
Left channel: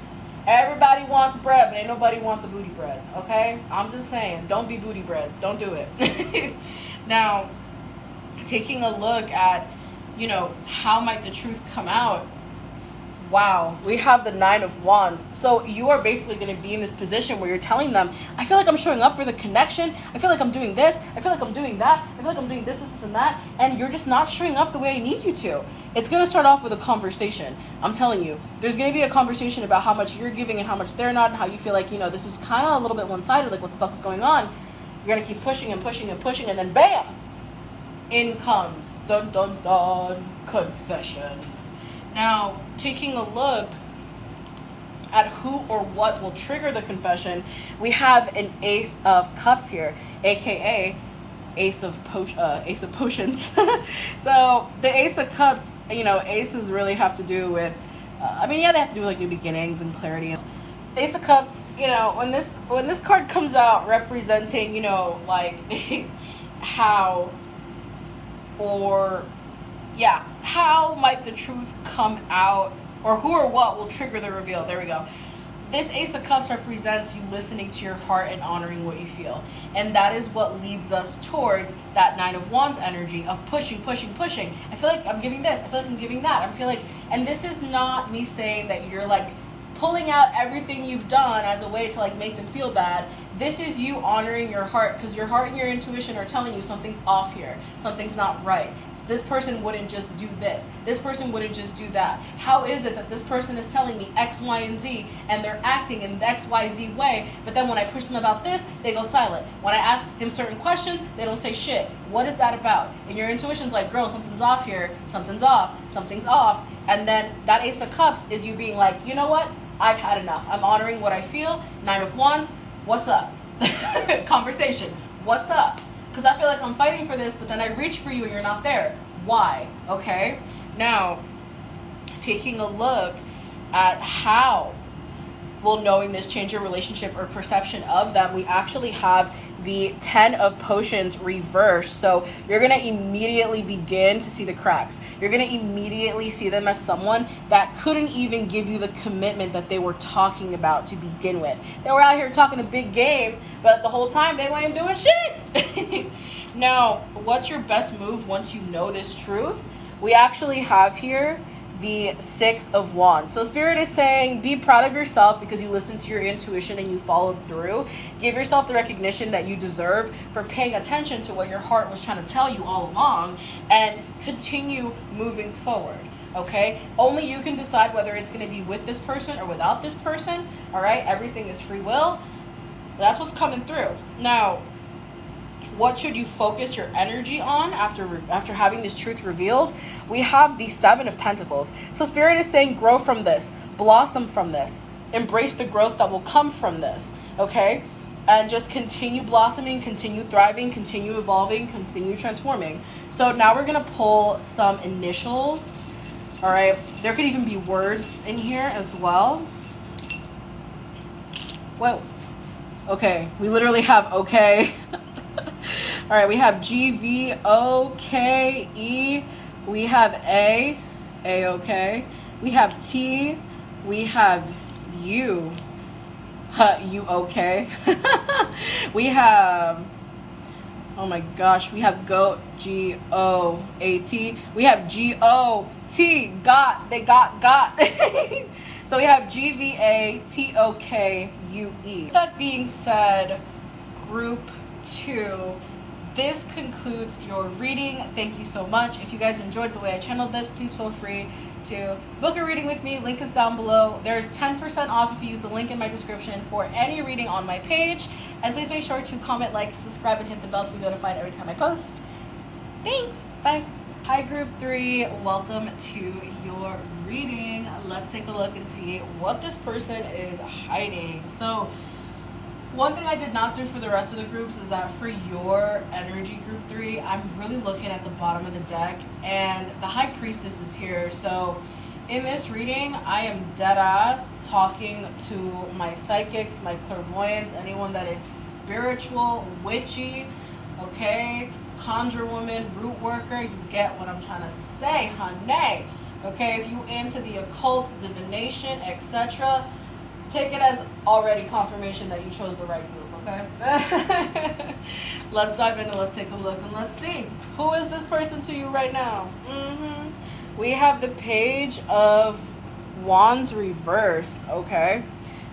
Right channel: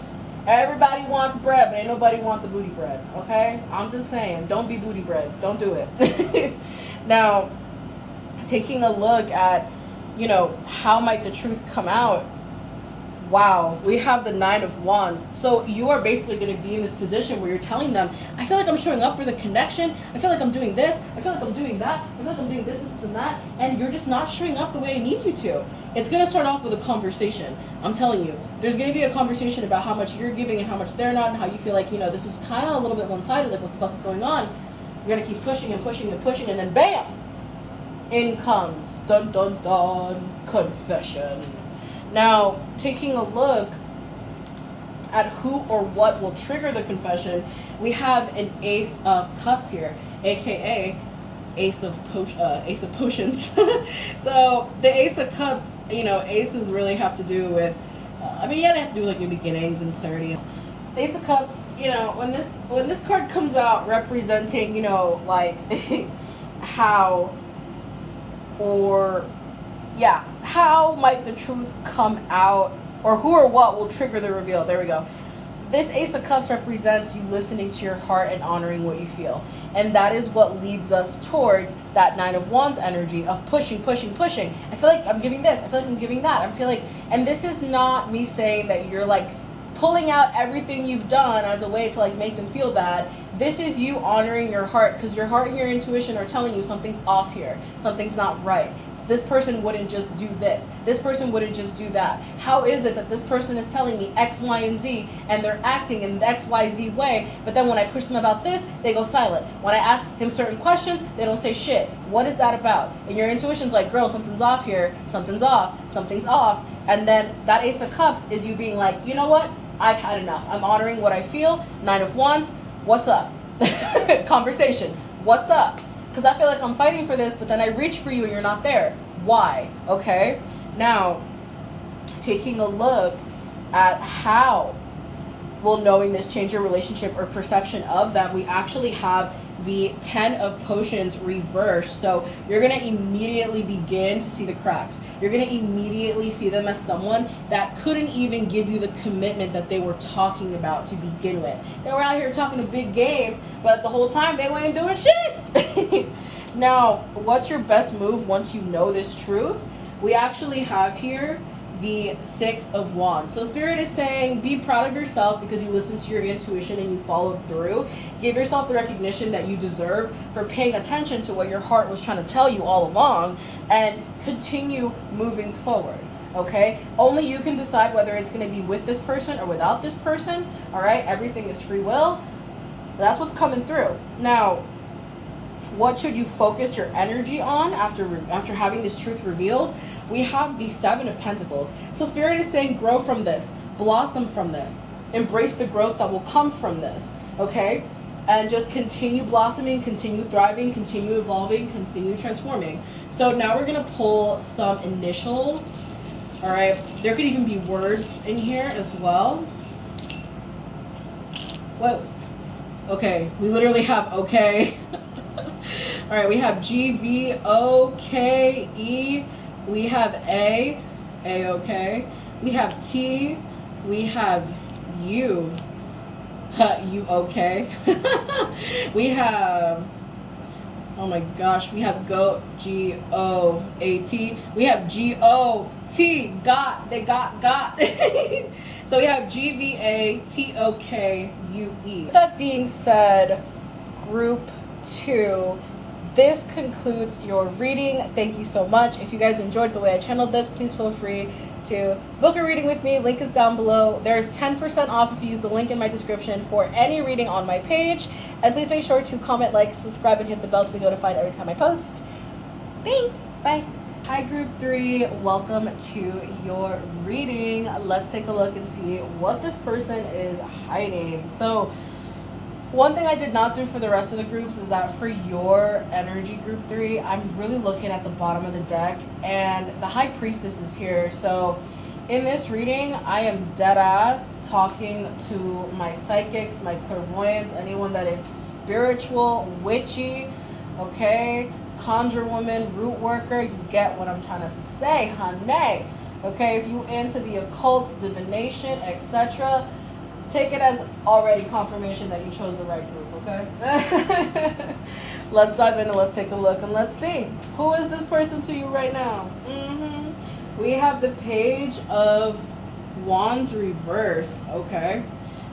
Everybody wants bread, but ain't nobody want the booty bread, okay? I'm just saying, don't be booty bread. Don't do it. Now, taking a look at, you know, how might the truth come out? Wow, we have the 9 of Wands. So you are basically going to be in this position where you're telling them, I feel like I'm showing up for the connection. I feel like I'm doing this. I feel like I'm doing that. I feel like I'm doing this, and that. And you're just not showing up the way I need you to. It's going to start off with a conversation. I'm telling you, there's going to be a conversation about how much you're giving and how much they're not, and how you feel like, you know, this is kind of a little bit one-sided, like what the fuck is going on. You're going to keep pushing and pushing and pushing, and then bam, in comes, dun dun dun, confession. Now, taking a look at who or what will trigger the confession, we have an Ace of Cups here, aka Ace of Potions. So the Ace of Cups, you know, aces really have to do with, they have to do with like new beginnings and clarity. Ace of Cups, you know, when this card comes out representing, you know, like how might the truth come out, or who or what will trigger the reveal? There we go. This Ace of Cups represents you listening to your heart and honoring what you feel. And that is what leads us towards that 9 of Wands energy of pushing. I feel like I'm giving this. I feel like I'm giving that. And this is not me saying that you're like pulling out everything you've done as a way to like make them feel bad. This is you honoring your heart, because your heart and your intuition are telling you something's off here. Something's not right. So this person wouldn't just do this. This person wouldn't just do that. How is it that this person is telling me X, Y, and Z, and they're acting in the X, Y, Z way, but then when I push them about this, they go silent. When I ask him certain questions, they don't say shit. What is that about? And your intuition's like, girl, something's off here. Something's off. And then that Ace of Cups is you being like, you know what? I've had enough. I'm honoring what I feel. 9 of Wands. What's up? Conversation. What's up? Because I feel like I'm fighting for this, but then I reach for you and you're not there. Why? Okay. Now, taking a look at how will knowing this change your relationship or perception of them, we actually have the 10 of Potions reversed. So you're going to immediately begin to see the cracks. You're going to immediately see them as someone that couldn't even give you the commitment that they were talking about to begin with. They were out here talking a big game, but the whole time they weren't doing shit. Now, what's your best move once you know this truth? We actually have here the 6 of Wands. So Spirit is saying, be proud of yourself because you listened to your intuition and you followed through. Give yourself the recognition that you deserve for paying attention to what your heart was trying to tell you all along, and continue moving forward. Okay? Only you can decide whether it's going to be with this person or without this person. All right? Everything is free will. That's what's coming through. Now, what should you focus your energy on after having this truth revealed? We have the 7 of Pentacles. So Spirit is saying, grow from this, blossom from this, embrace the growth that will come from this, okay? And just continue blossoming, continue thriving, continue evolving, continue transforming. So now we're gonna pull some initials, all right? There could even be words in here as well. Whoa, okay, we literally have okay. All right, we have G, V, O, K, E. We have A, okay. We have T. We have U, U, okay. We have, oh my gosh, we have GOAT, G-O-A-T. We have G-O-T, got, they got. So we have G-V-A-T-O-K-U-E. That being said, group 2, this concludes your reading. Thank you so much. If you guys enjoyed the way I channeled this, please feel free to book a reading with me. Link is down below. There's 10% off if you use the link in my description for any reading on my page. And please make sure to comment, like, subscribe, and hit the bell to be notified every time I post. Thanks. Bye. Hi, Group 3. Welcome to your reading. Let's take a look and see what this person is hiding. So, one thing I did not do for the rest of the groups is that for your energy, Group 3, I'm really looking at the bottom of the deck, and the High Priestess is here. So in this reading, I am dead ass talking to my psychics, my clairvoyants, anyone that is spiritual, witchy, okay? Conjure woman, root worker, you get what I'm trying to say, honey. Okay, if you into the occult, divination, etc., take it as already confirmation that you chose the right group, okay? Let's dive in and let's take a look and let's see. Who is this person to you right now? We have the Page of Wands reversed, okay?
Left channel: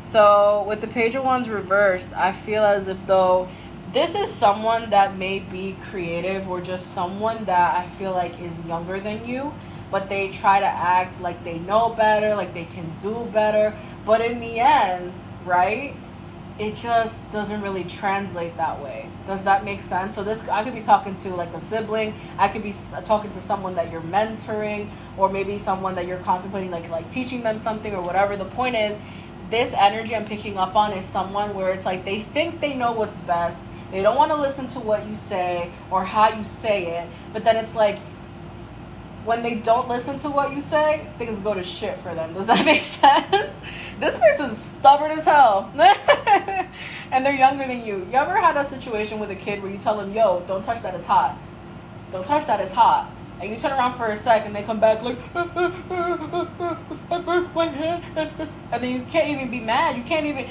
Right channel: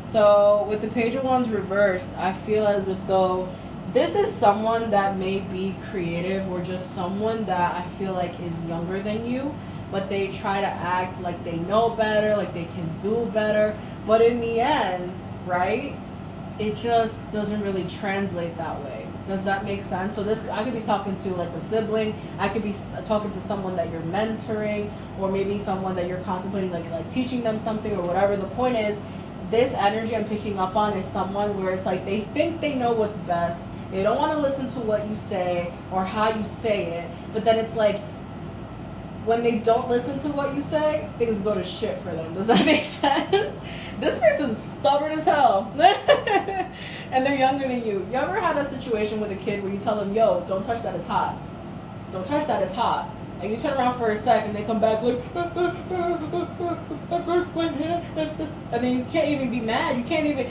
So with the Page of Wands reversed, I feel as if though this is someone that may be creative or just someone that I feel like is younger than you, but they try to act like they know better, like they can do better. But in the end, right, it just doesn't really translate that way. Does that make sense? So this, I could be talking to like a sibling. I could be talking to someone that you're mentoring, or maybe someone that you're contemplating like teaching them something or whatever. The point is, this energy I'm picking up on is someone where it's like they think they know what's best. They don't want to listen to what you say or how you say it. But then it's like, when they don't listen to what you say, things go to shit for them. Does that make sense? This person's stubborn as hell. And they're younger than you. You ever had a situation with a kid where you tell them, yo, don't touch that, it's hot. Don't touch that, it's hot. And you turn around for a sec and they come back like, I burnt my hand. And then you can't even be mad. You can't even,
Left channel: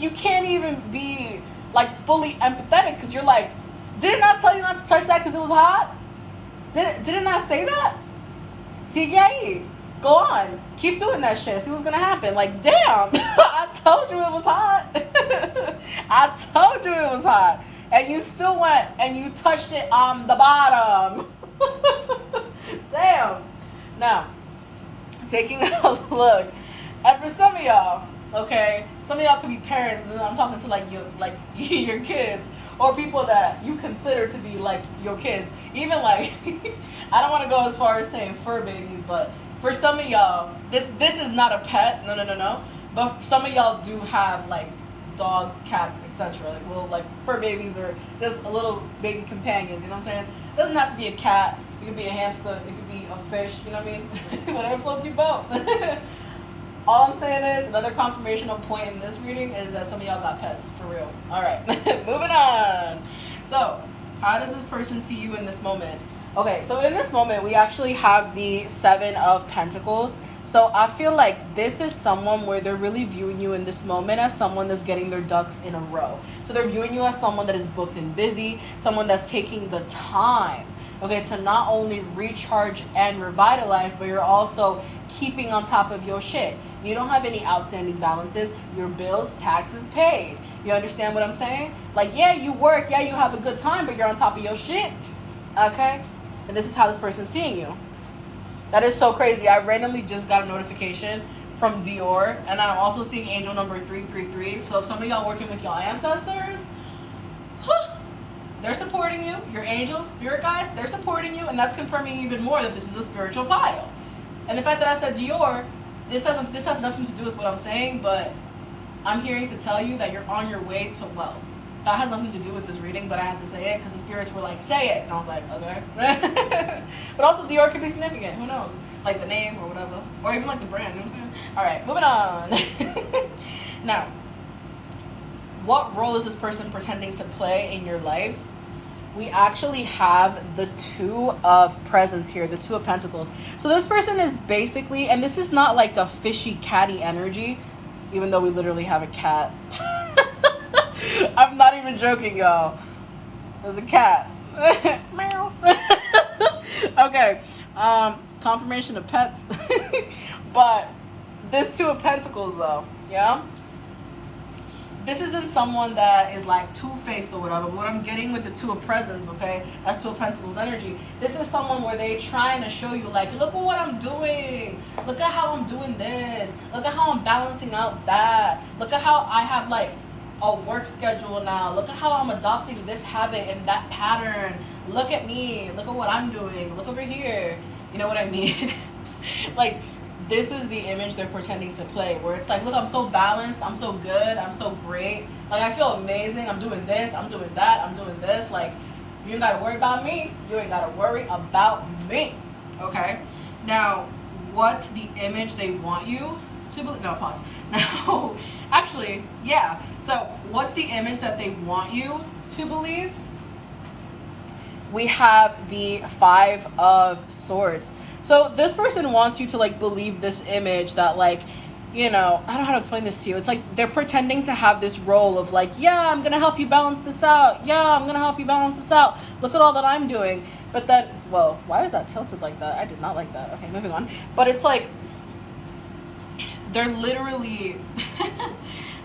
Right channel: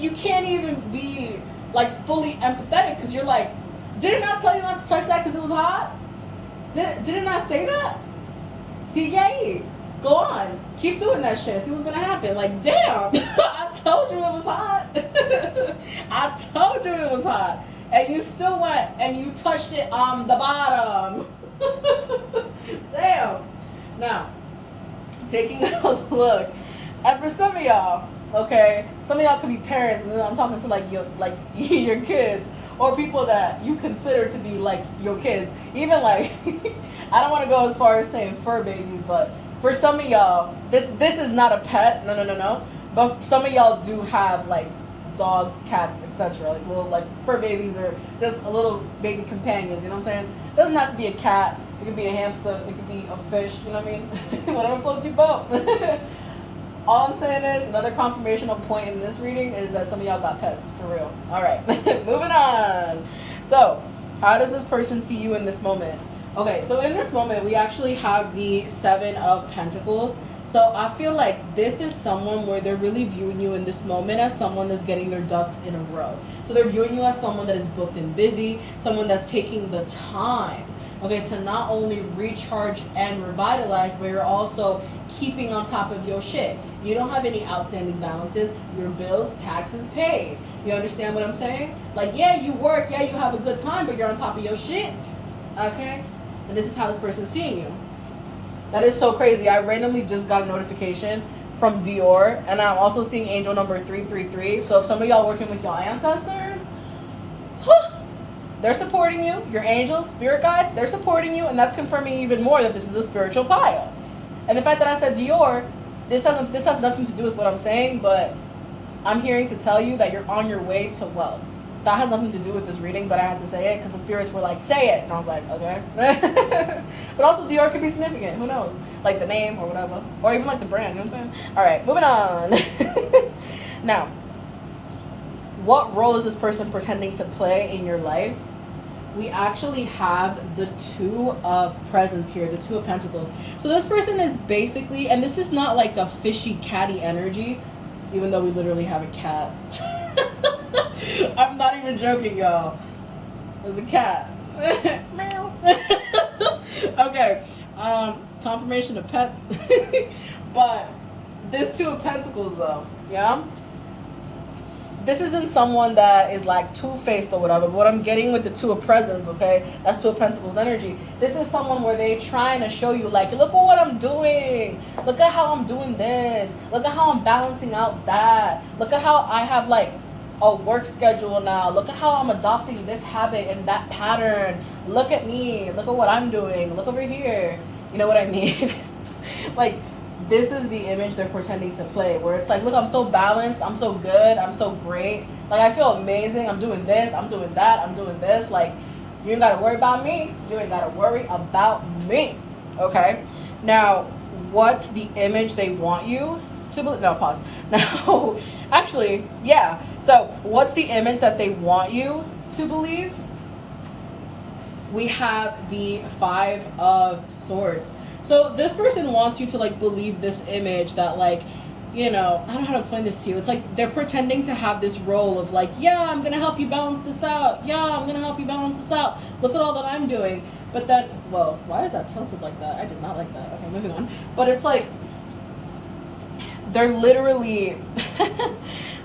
you can't even be like fully empathetic because you're like, did it not tell you not to touch that because it was hot? Did it not say that? See, yay. Go on. Keep doing that shit. See what's gonna happen. Like, damn. I told you it was hot. I told you it was hot. And you still went and you touched it on the bottom. Damn. Now, taking a look. And for some of y'all, okay, some of y'all could be parents, and I'm talking to like your kids. Or people that you consider to be like your kids. Even like, I don't want to go as far as saying fur babies, but for some of y'all, this is not a pet. No. But some of y'all do have like dogs, cats, etc. Like little like fur babies or just a little baby companions. You know what I'm saying? It doesn't have to be a cat. It could be a hamster. It could be a fish. You know what I mean? Whatever floats your boat. All I'm saying is, another confirmational point in this reading is that some of y'all got pets, for real. All right, moving on. So, how does this person see you in this moment? Okay, so in this moment, we actually have the Seven of Pentacles. So I feel like this is someone where they're really viewing you in this moment as someone that's getting their ducks in a row. So they're viewing you as someone that is booked and busy, someone that's taking the time, okay, to not only recharge and revitalize, but you're also keeping on top of your shit. You don't have any outstanding balances. Your bills, taxes paid. You understand what I'm saying? Like, yeah, you work. Yeah, you have a good time, but you're on top of your shit. Okay? And this is how this person's seeing you. That is so crazy. I randomly just got a notification from Dior, and I'm also seeing angel number 333. So if some of y'all working with your ancestors, they're supporting you. Your angels, spirit guides, they're supporting you, and that's confirming even more that this is a spiritual pile. And the fact that I said Dior, this has nothing to do with what I'm saying, but I'm hearing to tell you that you're on your way to wealth. That has nothing to do with this reading, but I had to say it because the spirits were like, say it. And I was like, okay. But also Dior could be significant. Who knows? Like the name or whatever. Or even like the brand, you know what I'm saying? All right, moving on. Now, what role is this person pretending to play in your life? We actually have the Two of Presents here, the Two of Pentacles. So this person is basically, and this is not like a fishy catty energy, even though we literally have a cat. I'm not even joking, y'all. There's a cat. Meow. Okay, confirmation of pets. But this Two of Pentacles though, yeah? This isn't someone that is like two-faced or whatever, but what I'm getting with the Two of Presents, okay, that's Two of Pentacles energy. This is someone where they're trying to show you, like, look at what I'm doing. Look at how I'm doing this. Look at how I'm balancing out that. Look at how I have, like, a work schedule now. Look at how I'm adopting this habit and that pattern. Look at me. Look at what I'm doing. Look over here. You know what I mean? Like, this is the image they're pretending to play, where it's like, look, I'm so balanced, I'm so good, I'm so great, like I feel amazing, I'm doing this, I'm doing that, I'm doing this, like you ain't gotta worry about me, you ain't gotta worry about me. Okay, now what's the image they want you to believe? No, pause. Now, actually, yeah, so what's the image that they want you to believe? we have the Five of Swords. So this person wants you to like believe this image that like, you know, I don't know how to explain this to you. It's like they're pretending to have this role of like, yeah, I'm gonna help you balance this out. Yeah, I'm gonna help you balance this out. Look at all that I'm doing. But then, well, why is that tilted like that? I did not like that. Okay, moving on. But it's like, they're literally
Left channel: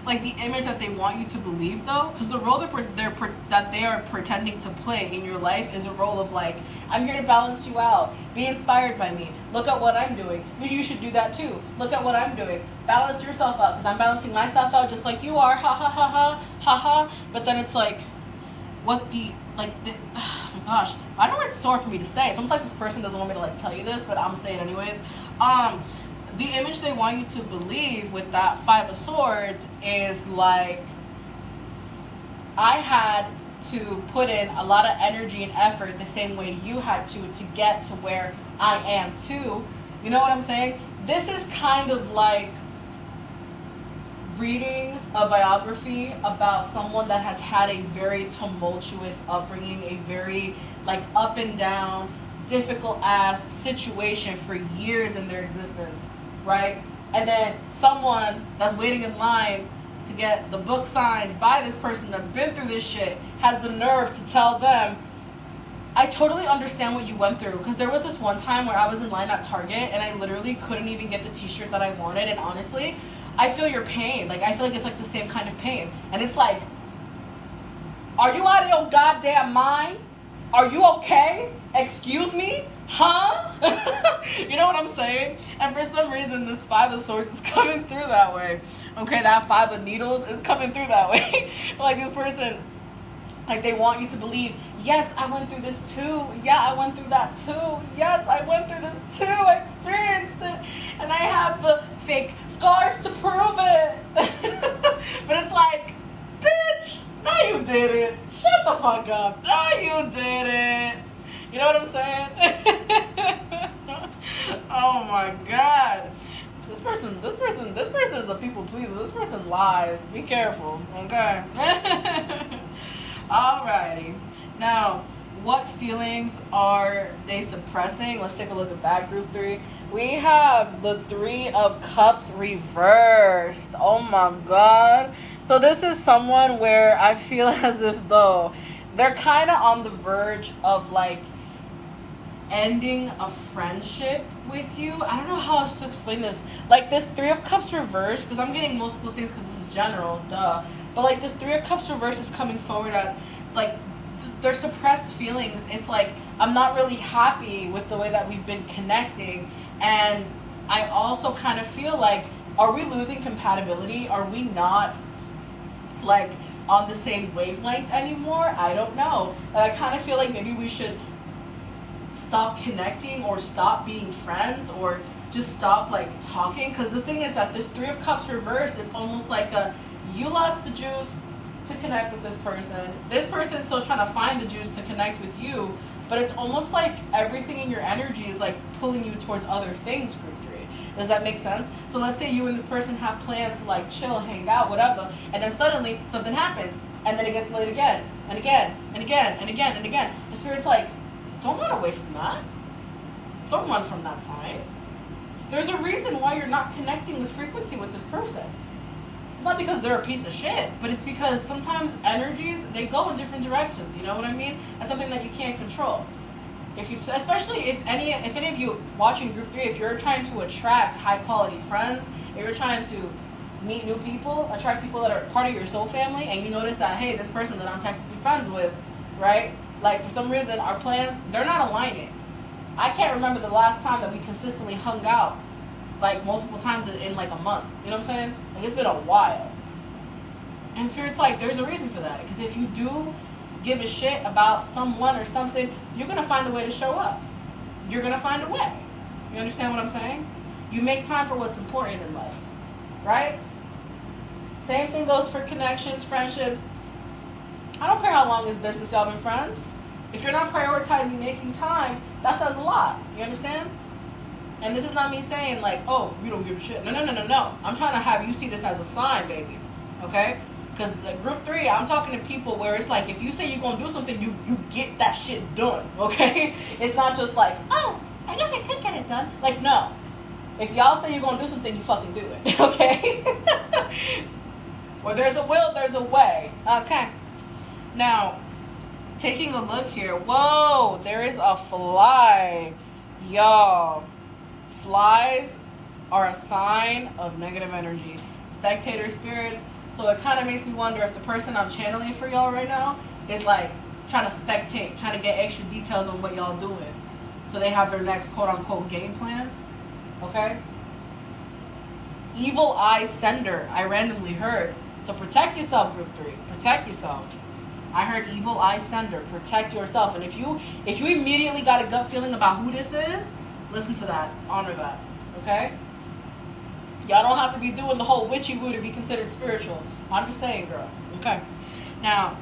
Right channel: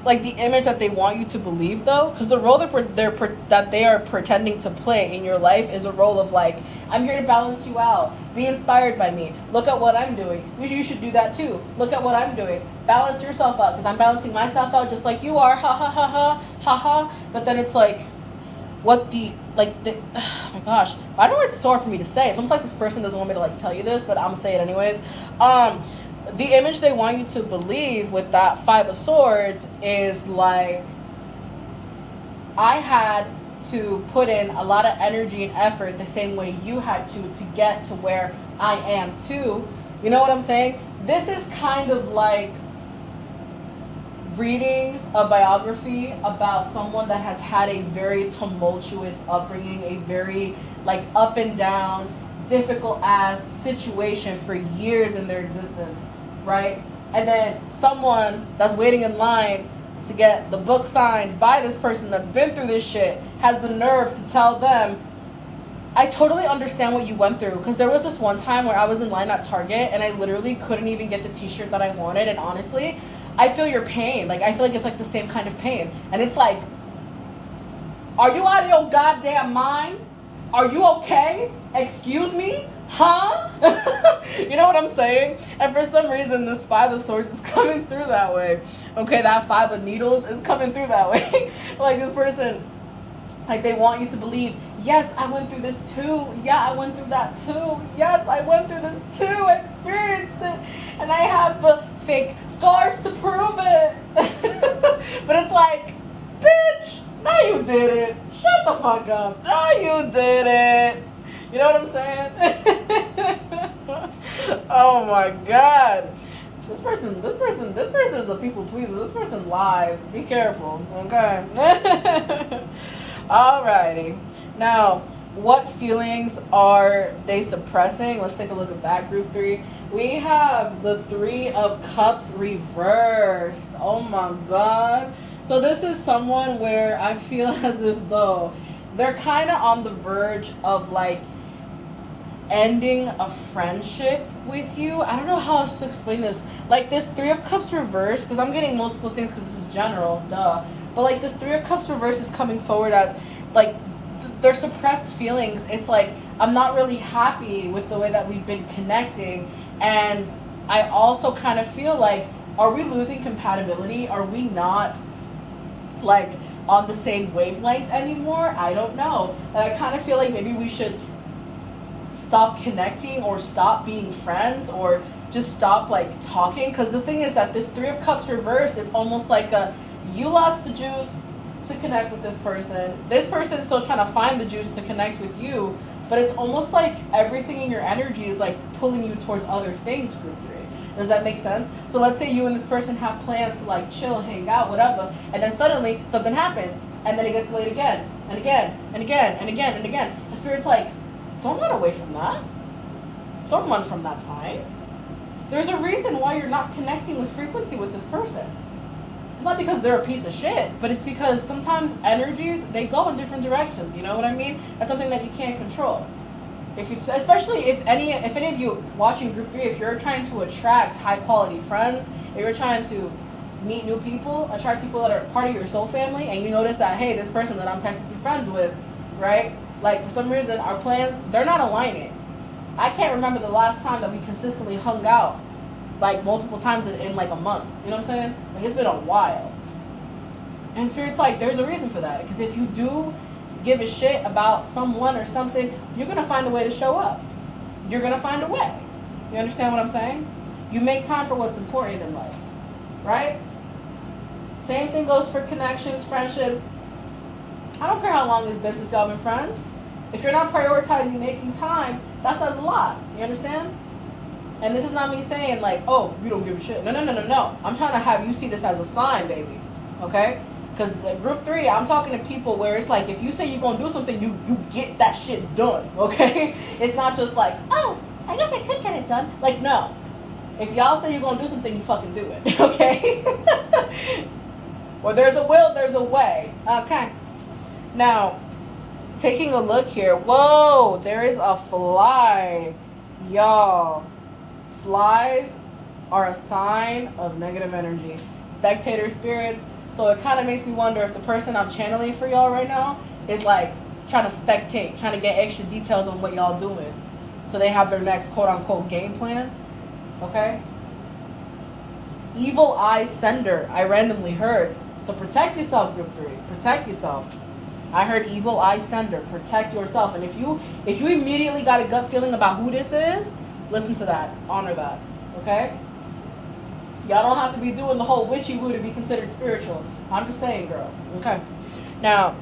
like the image that they want you to believe, though, because the role that they are pretending to play in your life is a role of like, I'm here to balance you out, be inspired by me, look at what I'm doing, you should do that too, look at what I'm doing, balance yourself out because I'm balancing myself out just like you are, ha ha ha ha ha ha. But then it's like, what the oh my gosh, I don't know, it's sore for me to say. It's almost like this person doesn't want me to like tell you this, but I'm gonna say it anyways. The image they want you to believe with that Five of Swords is like, I had to put in a lot of energy and effort the same way you had to get to where I am too. You know what I'm saying? This is kind of like reading a biography about someone that has had a very tumultuous upbringing, a very like up and down, difficult ass situation for years in their existence, right? And then someone that's waiting in line to get the book signed by this person that's been through this shit has the nerve to tell them, I totally understand what you went through, because there was this one time where I was in line at Target and I literally couldn't even get the t-shirt that I wanted, and honestly, I feel your pain. Like, I feel like it's like the same kind of pain. And it's like, are you out of your goddamn mind? Are you okay? Excuse me? Huh? You know what I'm saying? And for some reason, this Five of Swords is coming through that way. Okay, that Five of Needles is coming through that way. Like, this person, like, they want you to believe, yes, I went through this too. Yeah, I went through that too. Yes, I went through this too. I experienced it. And I have the fake scars to prove it. But it's like, bitch, no, you didn't. Shut the fuck up. No, you didn't. You know what I'm saying? Oh my God. This person is a people pleaser. This person lies. Be careful, okay? Alrighty. Now, what feelings are they suppressing? Let's take a look at that group three. We have the Three of Cups reversed. Oh my God. So this is someone where I feel as if though they're kind of on the verge of like ending a friendship with you. I don't know how else to explain this. Like, this Three of Cups reversed, because I'm getting multiple things because this is general, duh. But like, this Three of Cups reversed is coming forward as like their suppressed feelings. It's like, I'm not really happy with the way that we've been connecting, and I also kind of feel like, are we losing compatibility? Are we not like on the same wavelength anymore? I don't know. I kind of feel like maybe we should stop connecting, or stop being friends, or just stop like talking. Because the thing is that this Three of Cups reversed, it's almost like you lost the juice to connect with this person's still trying to find the juice to connect with you, but it's almost like everything in your energy is like pulling you towards other things. Group three, does that make sense? So let's say you and this person have plans to like chill, hang out, whatever, and then suddenly something happens, and then it gets delayed again and again and again and again and again. The Spirit's like, don't run away from that. Don't run from that sign. There's a reason why you're not connecting with frequency with this person. It's not because they're a piece of shit, but it's because sometimes energies, they go in different directions. You know what I mean? That's something that you can't control. Especially if any of you watching group three, if you're trying to attract high quality friends, if you're trying to meet new people, attract people that are part of your soul family, and you notice that, hey, this person that I'm technically friends with, right? Like, for some reason, our plans, they're not aligning. I can't remember the last time that we consistently hung out, like, multiple times in like, a month. You know what I'm saying? Like, it's been a while. And Spirit's like, there's a reason for that. Because if you do give a shit about someone or something, you're going to find a way to show up. You're going to find a way. You understand what I'm saying? You make time for what's important in life. Right? Same thing goes for connections, friendships. I don't care how long it's been since y'all been friends. If you're not prioritizing making time, that says a lot. You understand? And this is not me saying like, oh, you don't give a shit. No. I'm trying to have you see this as a sign, baby. Okay? Because group 3, I'm talking to people where it's like, if you say you're going to do something, you get that shit done, okay? It's not just like, oh, I guess I could get it done. Like, no. If y'all say you're going to do something, you fucking do it, okay? Where there's a will, there's a way. Okay. Now, taking a look here. Whoa, there is a fly. Y'all, flies are a sign of negative energy. Spectator spirits. So it kind of makes me wonder if the person I'm channeling for y'all right now is like trying to spectate, trying to get extra details on what y'all doing. So they have their next quote-unquote game plan. Okay? Evil eye sender, I randomly heard. So protect yourself, group 3. Protect yourself. I heard evil eye sender. Protect yourself. And if you immediately got a gut feeling about who this is, listen to that. Honor that. Okay? Y'all don't have to be doing the whole witchy woo to be considered spiritual. I'm just saying, girl. Okay. Now,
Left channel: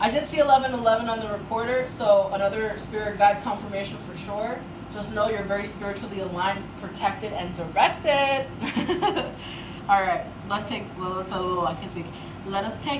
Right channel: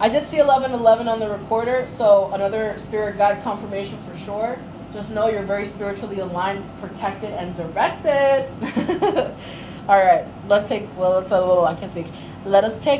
I did see 1111 on the recorder, so another spirit guide confirmation for sure. Just know you're very spiritually aligned, protected, and directed. All right. Let us take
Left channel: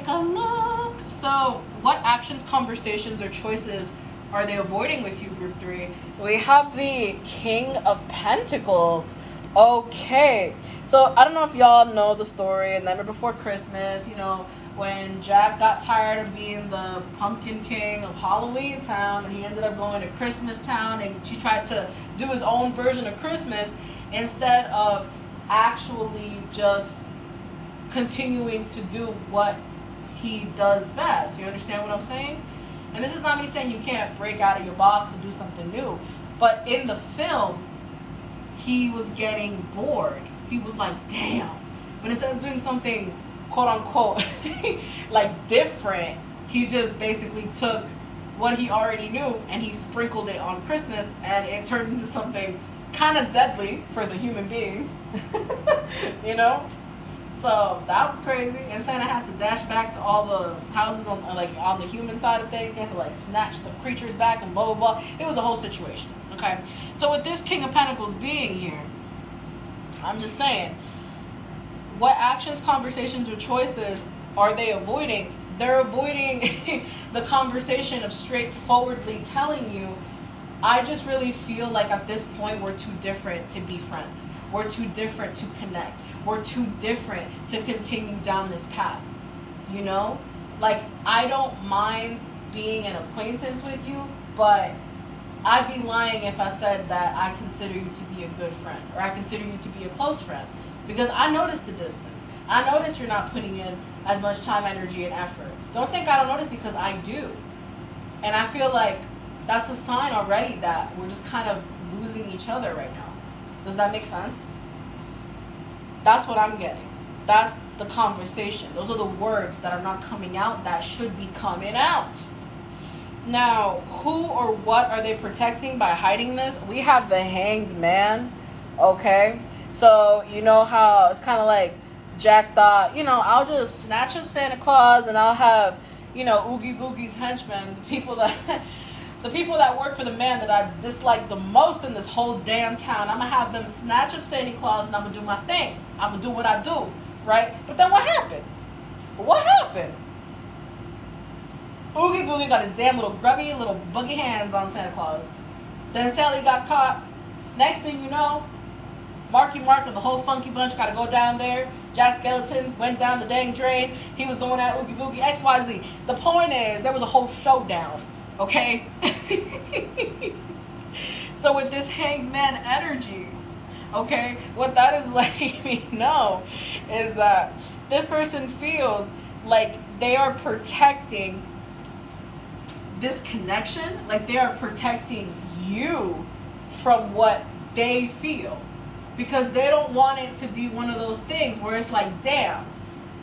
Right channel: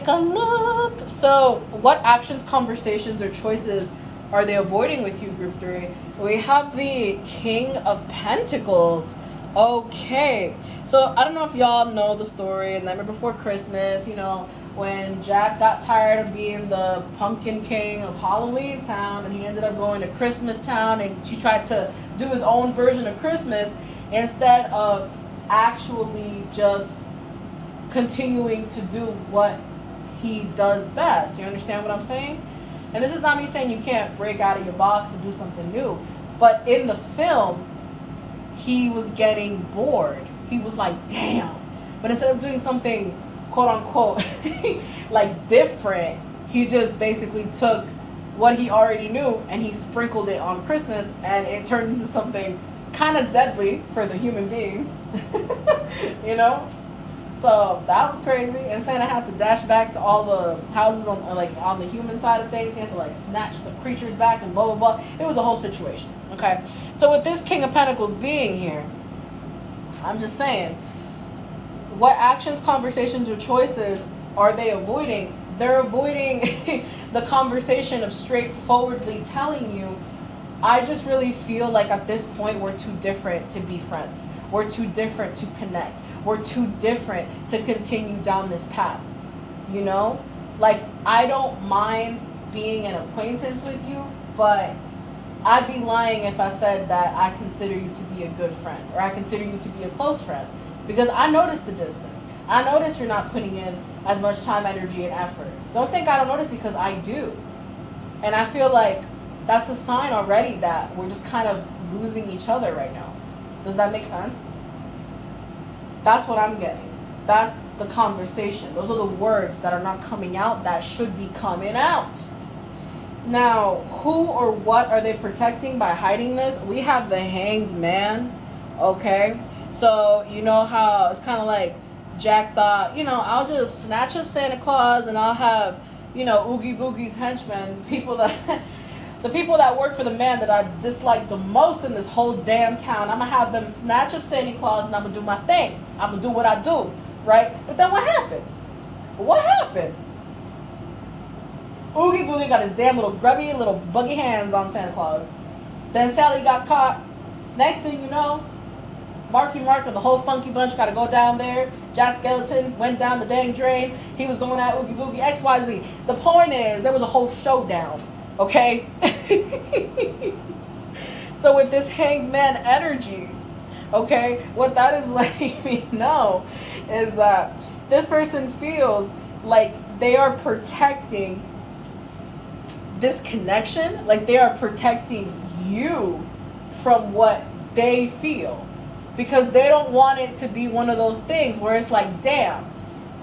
a look. So, what actions, conversations, or choices are they avoiding with you, group 3? We have the King of Pentacles. Okay, so I don't know if y'all know the story. And Nightmare Before Christmas, you know, when Jack got tired of being the pumpkin king of Halloween Town, and he ended up going to Christmas Town, and he tried to do his own version of Christmas instead of actually just continuing to do what he does best. You understand what I'm saying? And this is not me saying you can't break out of your box and do something new, but in the film, he was getting bored. He was like, damn. But instead of doing something, quote unquote, like different, he just basically took what he already knew and he sprinkled it on Christmas, and it turned into something kind of deadly for the human beings. You know? So that was crazy. And Santa had to dash back to all the houses on the human side of things. He had to like snatch the creatures back and blah, blah, blah. It was a whole situation. Okay. So with this King of Pentacles being here, I'm just saying, what actions, conversations, or choices are they avoiding? They're avoiding the conversation of straightforwardly telling you, I just really feel like at this point we're too different to be friends. We're too different to connect. We're too different to continue down this path. You know? Like, I don't mind being an acquaintance with you, but I'd be lying if I said that I consider you to be a good friend, or I consider you to be a close friend, because I notice the distance. I notice you're not putting in as much time, energy, and effort. Don't think I don't notice, because I do. And I feel like that's a sign already that we're just kind of losing each other right now. Does that make sense? That's what I'm getting. That's the conversation. Those are the words that are not coming out that should be coming out. Now, who or what are they protecting by hiding this? We have the Hanged Man, okay? So, you know how it's kind of like Jack thought, you know, I'll just snatch up Santa Claus and I'll have, you know, Oogie Boogie's henchmen, the people that work for the man that I dislike the most in this whole damn town. I'm going to have them snatch up Santa Claus and I'm going to do my thing. I'm going to do what I do, right? But then what happened? What happened? Oogie Boogie got his damn little grubby little buggy hands on Santa Claus. Then Sally got caught. Next thing you know, Marky Mark and the whole funky bunch got to go down there. Jack Skeleton went down the dang drain. He was going at Oogie Boogie, XYZ. The point is, there was a whole showdown, okay? So with this hangman energy, okay, what that is letting me know is that this person feels like they are protecting this connection, like they are protecting you from what they feel, because they don't want it to be one of those things where it's like, damn,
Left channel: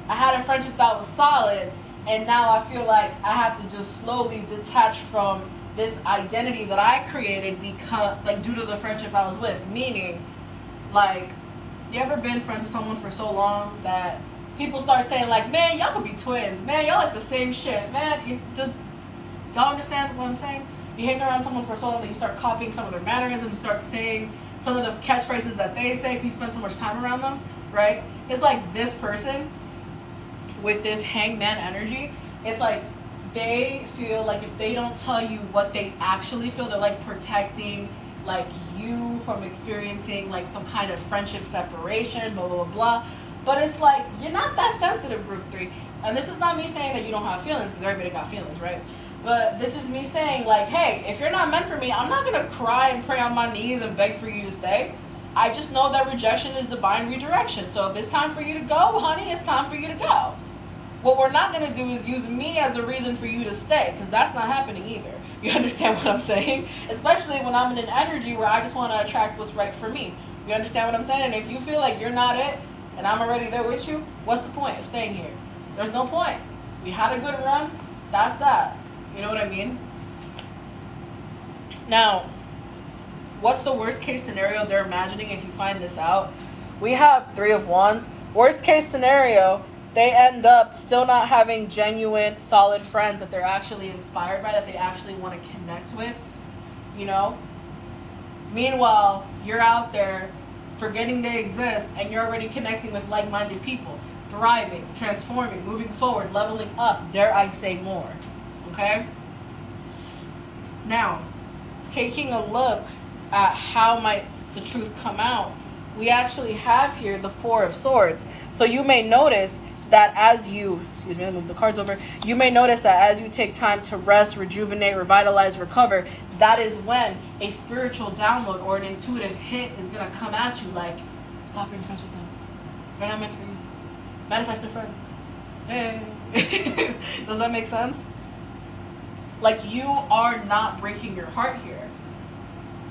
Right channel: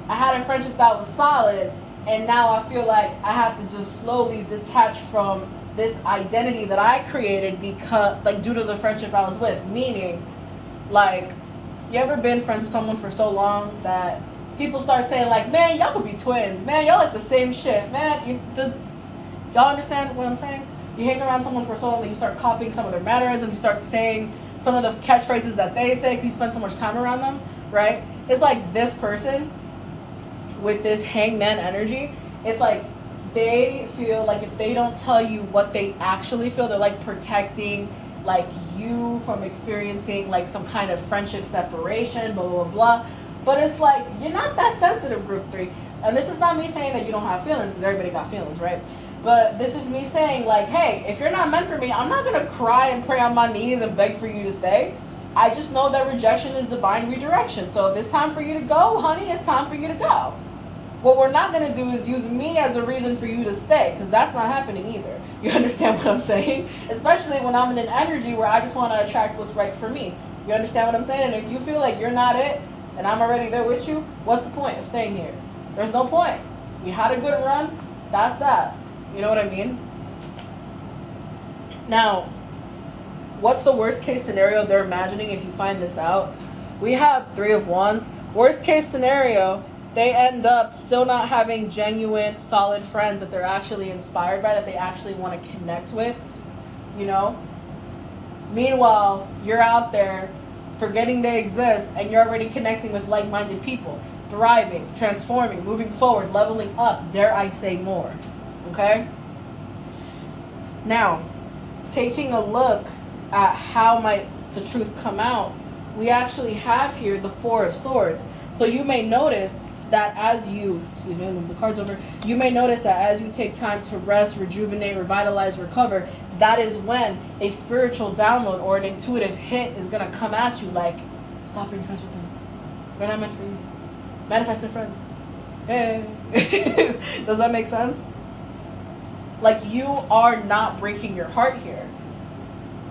I had a friendship that was solid, and now I feel like I have to just slowly detach from this identity that I created because, like, due to the friendship I was with. Meaning, like, you ever been friends with someone for so long that people start saying, like, man, y'all could be twins, man, y'all like the same shit, man, y'all understand what I'm saying? You hang around someone for so long that you start copying some of their mannerisms, you start saying some of the catchphrases that they say because you spend so much time around them, right? It's like this person with this hangman energy, it's like they feel like if they don't tell you what they actually feel, they're like protecting like you from experiencing like some kind of friendship separation, blah blah blah. But it's like you're not that sensitive, group 3. And this is not me saying that you don't have feelings, because everybody got feelings, right? But this is me saying like, hey, if you're not meant for me, I'm not gonna cry and pray on my knees and beg for you to stay. I just know that rejection is divine redirection. So if it's time for you to go, honey, it's time for you to go. What we're not going to do is use me as a reason for you to stay, because that's not happening either. You understand what I'm saying? Especially when I'm in an energy where I just want to attract what's right for me. You understand what I'm saying? And if you feel like you're not it, and I'm already there with you, what's the point of staying here? There's no point. We had a good run. That's that. You know what I mean? Now, what's the worst case scenario they're imagining if you find this out? We have 3 of Wands. Worst case scenario, they end up still not having genuine, solid friends that they're actually inspired by, that they actually want to connect with, you know? Meanwhile, you're out there forgetting they exist, and you're already connecting with like-minded people, thriving, transforming, moving forward, leveling up, dare I say more, okay? Now, taking a look at how might the truth come out, we actually have here the 4 of Swords. So you may notice that as you, excuse me, move the cards over, you may notice that as you take time to rest, rejuvenate, revitalize, recover, that is when a spiritual download or an intuitive hit is going to come at you like, stop being friends with them. They're not meant for you. Manifest their friends. Hey. Does that make sense? Like, you are not breaking your heart here.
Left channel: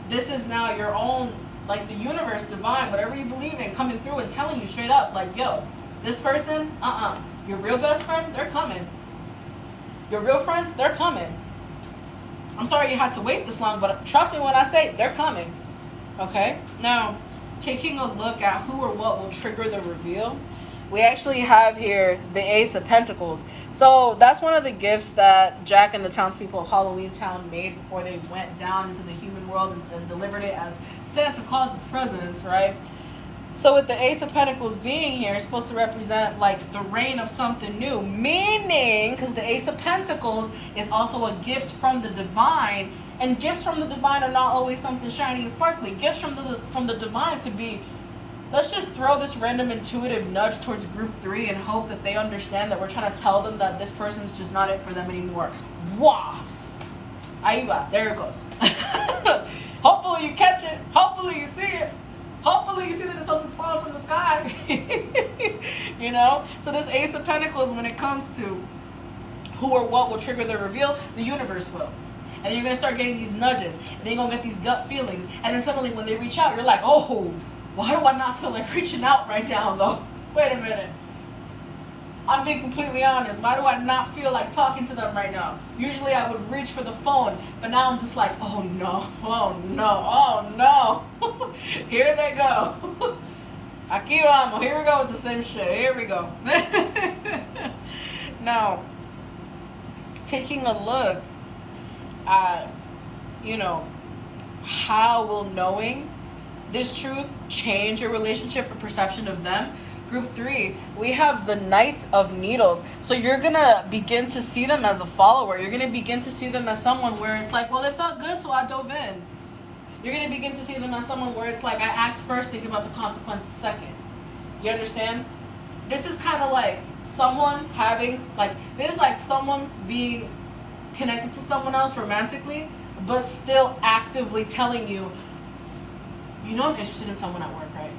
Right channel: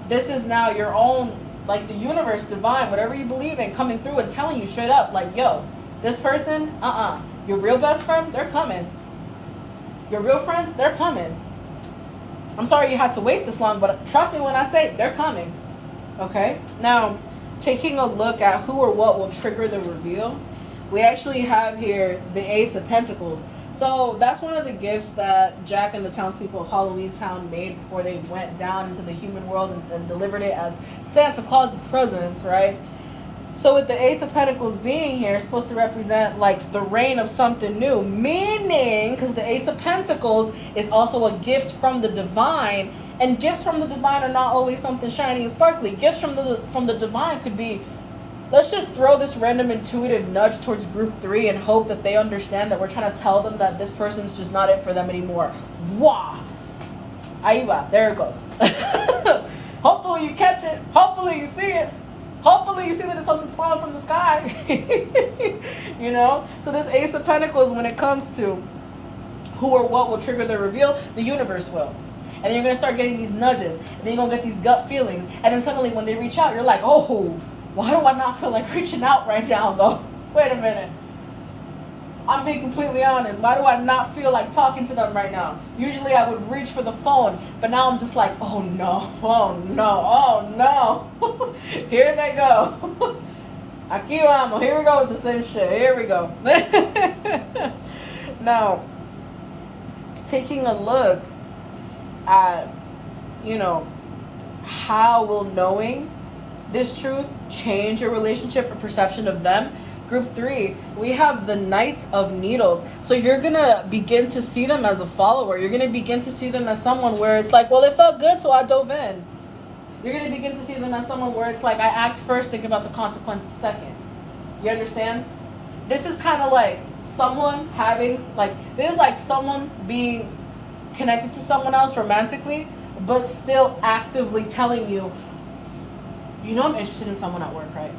This is now your own, like the universe, divine, whatever you believe in, coming through and telling you straight up, like, yo, this person, your real best friend, they're coming. Your real friends, they're coming. I'm sorry you had to wait this long, but trust me when I say they're coming. Okay? Now, taking a look at who or what will trigger the reveal, we actually have here the Ace of Pentacles. So that's one of the gifts that Jack and the townspeople of Halloween Town made before they went down into the human world and delivered it as Santa Claus's presents, right? So with the Ace of Pentacles being here, it's supposed to represent like the reign of something new, meaning, because the Ace of Pentacles is also a gift from the divine, and gifts from the divine are not always something shiny and sparkly. Gifts from the divine could be, let's just throw this random intuitive nudge towards group 3 and hope that they understand that we're trying to tell them that this person's just not it for them anymore. Wah! Ahí va. There it goes. Hopefully you catch it. Hopefully you see it. Hopefully you see that something's falling from the sky. You know? So this Ace of Pentacles, when it comes to who or what will trigger the reveal, the universe will. And then you're going to start getting these nudges. And then you're going to get these gut feelings. And then suddenly when they reach out, you're like, oh, why do I not feel like reaching out right now, though? Wait a minute. I'm being completely honest. Why do I not feel like talking to them right now? Usually I would reach for the phone, but now I'm just like, oh no, oh no, oh no. Here they go. Aquí vamos. Here we go with the same shit. Here we go. Now, taking a look at, how will knowing this truth change your relationship or perception of them? Group 3, we have the Knight of Needles. So you're going to begin to see them as a follower. You're going to begin to see them as someone where it's like, well, it felt good, so I dove in. You're going to begin to see them as someone where it's like, I act first, think about the consequences second. You understand? This is kind of like someone having, this is like someone being connected to someone else romantically, but still actively telling you, I'm interested in someone at work, right?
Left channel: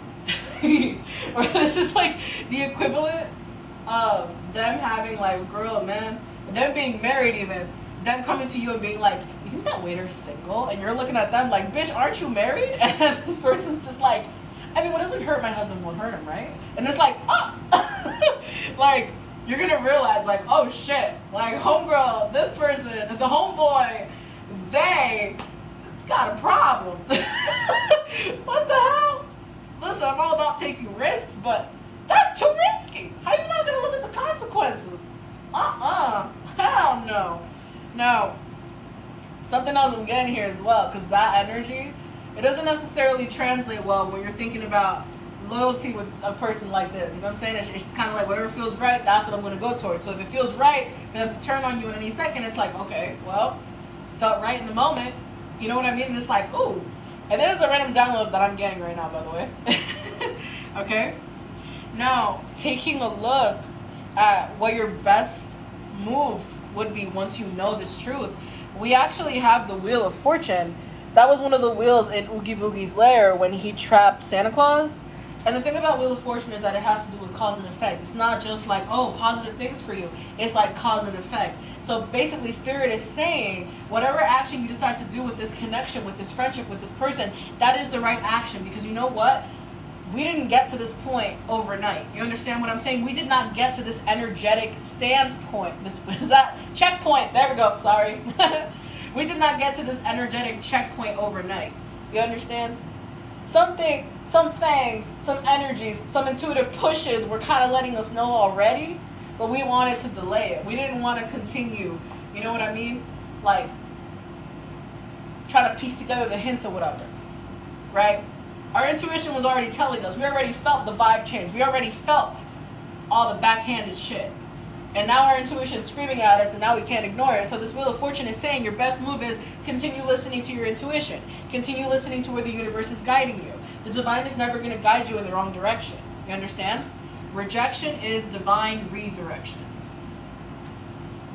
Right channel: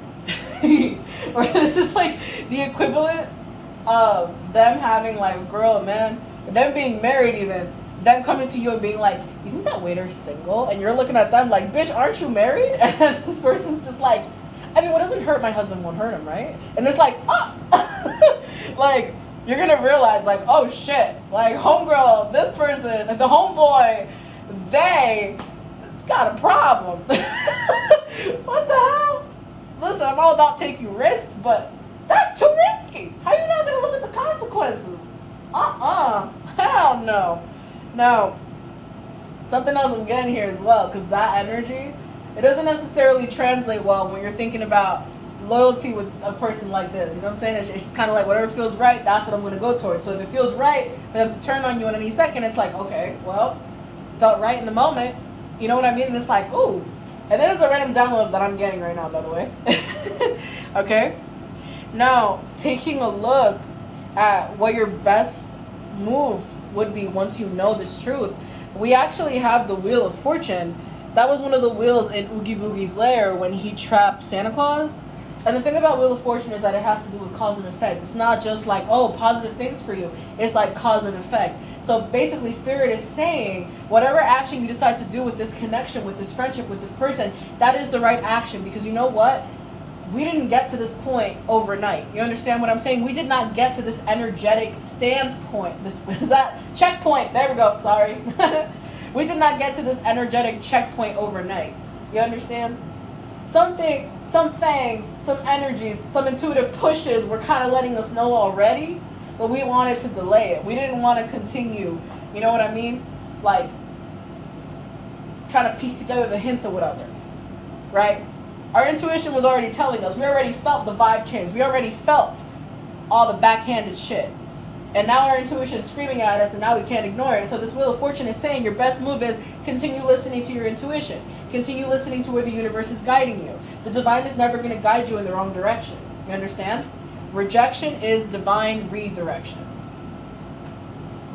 Or this is like the equivalent of them having like a girl and man, them being married even, them coming to you and being like, you think that waiter's single? And you're looking at them like, bitch, aren't you married? And this person's just like, I mean, what doesn't hurt my husband won't hurt him, right? And it's like, like, you're gonna realize like, oh shit, like homegirl, this person, the homeboy, they got a problem. What the hell? Listen, I'm all about taking risks, but that's too risky. How you not gonna look at the consequences? Hell no. No. Something else I'm getting here as well, because that energy, it doesn't necessarily translate well when you're thinking about loyalty with a person like this. You know what I'm saying? It's just kind of like whatever feels right, that's what I'm going to go towards. So if it feels right for them to turn on you in any second, it's like, okay, well, felt right in the moment. You know what I mean? And it's like, ooh. And then there's a random download that I'm getting right now, by the way. Okay? Now, taking a look at what your best move would be once you know this truth, we actually have the Wheel of Fortune. That was one of the wheels in Oogie Boogie's lair when he trapped Santa Claus. And the thing about Wheel of Fortune is that it has to do with cause and effect. It's not just like, oh, positive things for you. It's like cause and effect. So basically, Spirit is saying, whatever action you decide to do with this connection, with this friendship, with this person, that is the right action. Because you know what? We didn't get to this point overnight. You understand what I'm saying? We did not get to this energetic standpoint. This is that checkpoint. There we go. Sorry. We did not get to this energetic checkpoint overnight. You understand? Some things, some energies, some intuitive pushes were kind of letting us know already, but we wanted to delay it. We didn't want to continue. You know what I mean? Like, trying to piece together the hints or whatever. Right? Our intuition was already telling us. We already felt the vibe change. We already felt all the backhanded shit. And now our intuition's screaming at us, and now we can't ignore it. So this Wheel of Fortune is saying your best move is continue listening to your intuition. Continue listening to where the universe is guiding you. The divine is never going to guide you in the wrong direction. You understand? Rejection is divine redirection.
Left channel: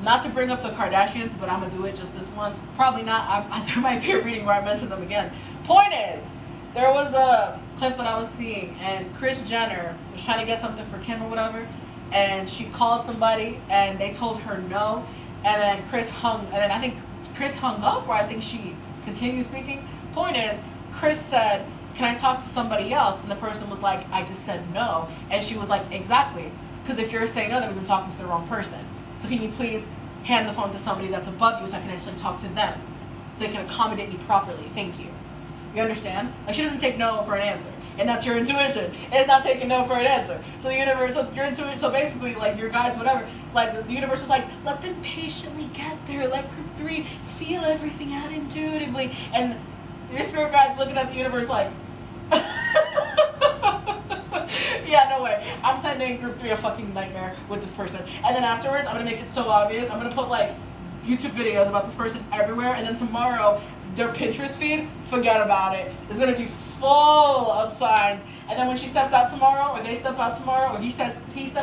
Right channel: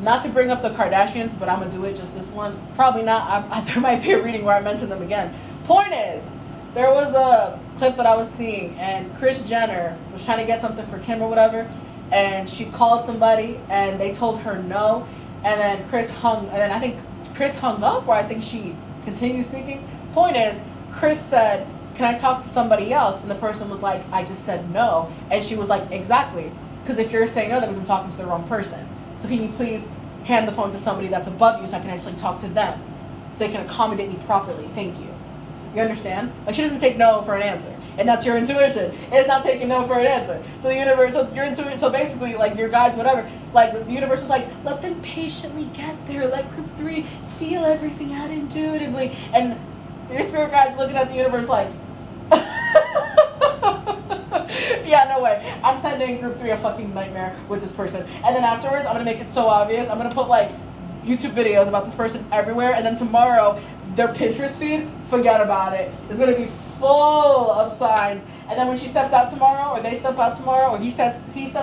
Not to bring up the Kardashians, but I'm going to do it just this once. Probably not. There might be a reading where I mention them again. Point is, there was a clip that I was seeing, and Kris Jenner was trying to get something for Kim or whatever, and she called somebody, and they told her no, and then I think Kris hung up, or I think she continued speaking. Point is, Kris said, can I talk to somebody else? And the person was like, I just said no. And she was like, exactly, because if you're saying no, that means I'm talking to the wrong person. So can you please hand the phone to somebody that's above you so I can actually talk to them, so they can accommodate me properly? Thank you. You understand? Like, she doesn't take no for an answer. And that's your intuition. It's not taking no for an answer. So the universe, so your intuition, so basically, like, your guides, whatever, like, the universe was like, let them patiently get there. Let group 3 feel everything out intuitively. And your spirit guide's looking at the universe like, yeah, no way. I'm sending group 3 a fucking nightmare with this person. And then afterwards, I'm going to make it so obvious. I'm going to put, like, YouTube videos about this person everywhere. And then tomorrow, their Pinterest feed, forget about it. It's going to be full of signs. And then when she steps out tomorrow, or they step out tomorrow, or he steps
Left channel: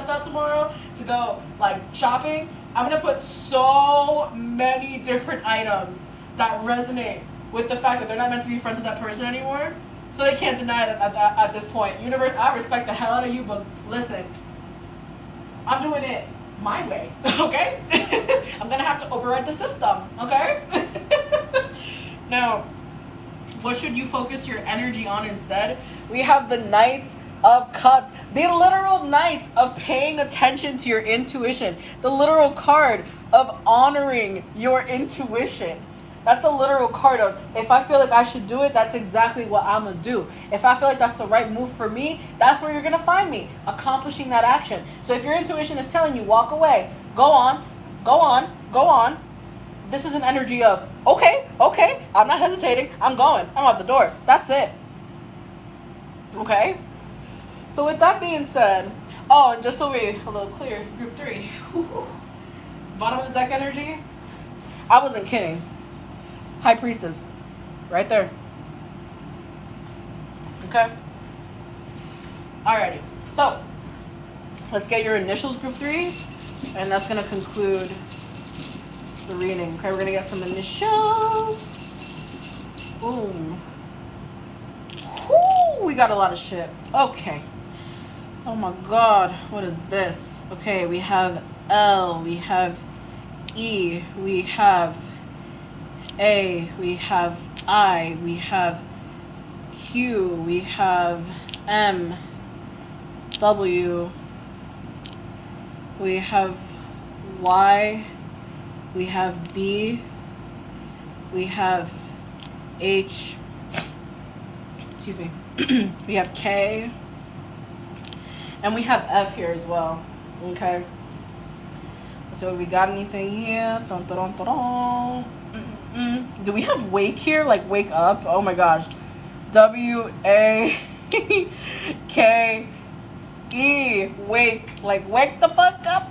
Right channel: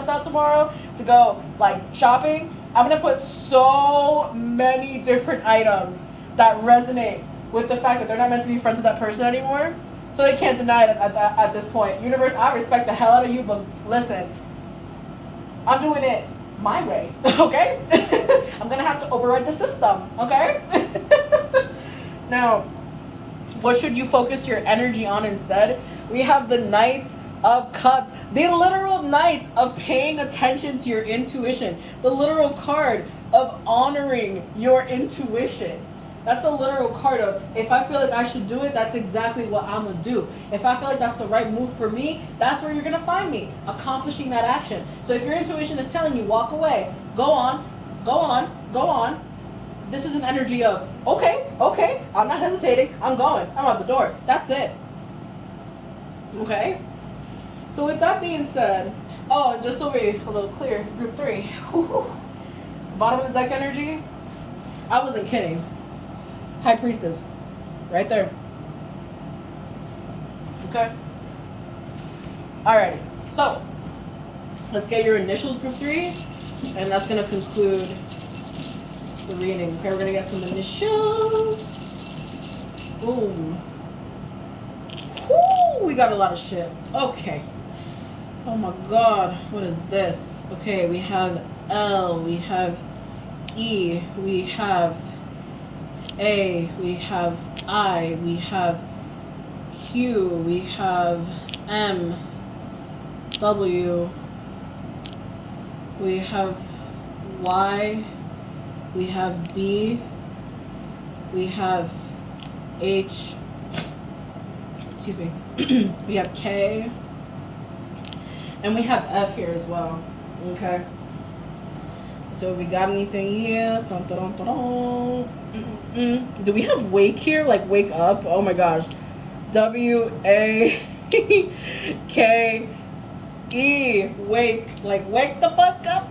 out tomorrow to go, like, shopping, I'm going to put so many different items that resonate with the fact that they're not meant to be friends with that person anymore. So they can't deny it at this point. Universe, I respect the hell out of you, but listen, I'm doing it my way, okay? I'm going to have to override the system, okay? Now, what should you focus your energy on instead? We have the Knight of Cups, the literal Knight of paying attention to your intuition, the literal card of honoring your intuition. That's the literal card of, if I feel like I should do it, that's exactly what I'm going to do. If I feel like that's the right move for me, that's where you're going to find me, accomplishing that action. So if your intuition is telling you, walk away, go on, go on, go on. This is an energy of, okay, I'm not hesitating, I'm going, I'm out the door. That's it. Okay? So with that being said, oh, and just so we're a little clear, group 3, bottom of the deck energy, I wasn't kidding. High Priestess, right there. Okay? Alrighty, so let's get your initials, group 3, and that's going to conclude the reading. Okay, we're going to get some initials. Boom. Whoo, we got a lot of shit. Okay. Oh my god, what is this? Okay, we have L, we have E, we have A, we have I, we have Q, we have M, W, we have Y, we have B, we have H, excuse me, we have K, and we have F here as well, okay? So if we got anything here, dun, dun, dun, dun, dun. Do we have wake here? Like wake up? Oh my gosh. W-A-K-E. K-E. Wake. Like, wake the fuck up.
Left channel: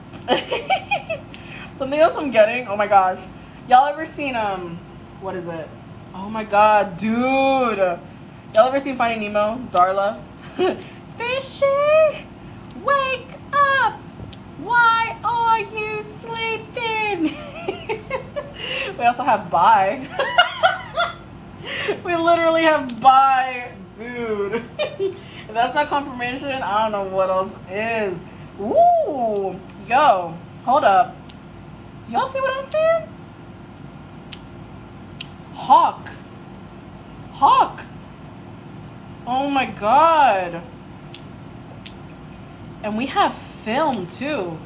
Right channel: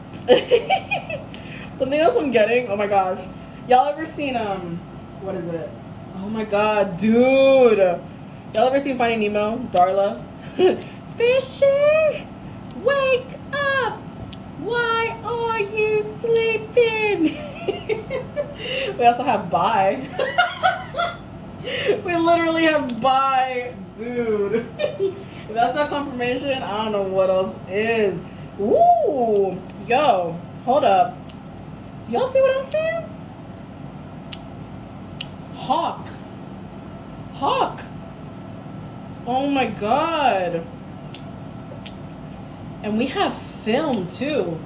Something else I'm getting. Oh my gosh. Y'all ever seen, what is it? Oh my god, dude. Y'all ever seen Finding Nemo? Darla? Fishy, wake up. Why are you sleeping? We also have bye. We literally have bye, dude. If that's not confirmation, I don't know what else is. Ooh, yo, hold up. Do y'all see what I'm saying? Hawk. Oh my god. And we have film too.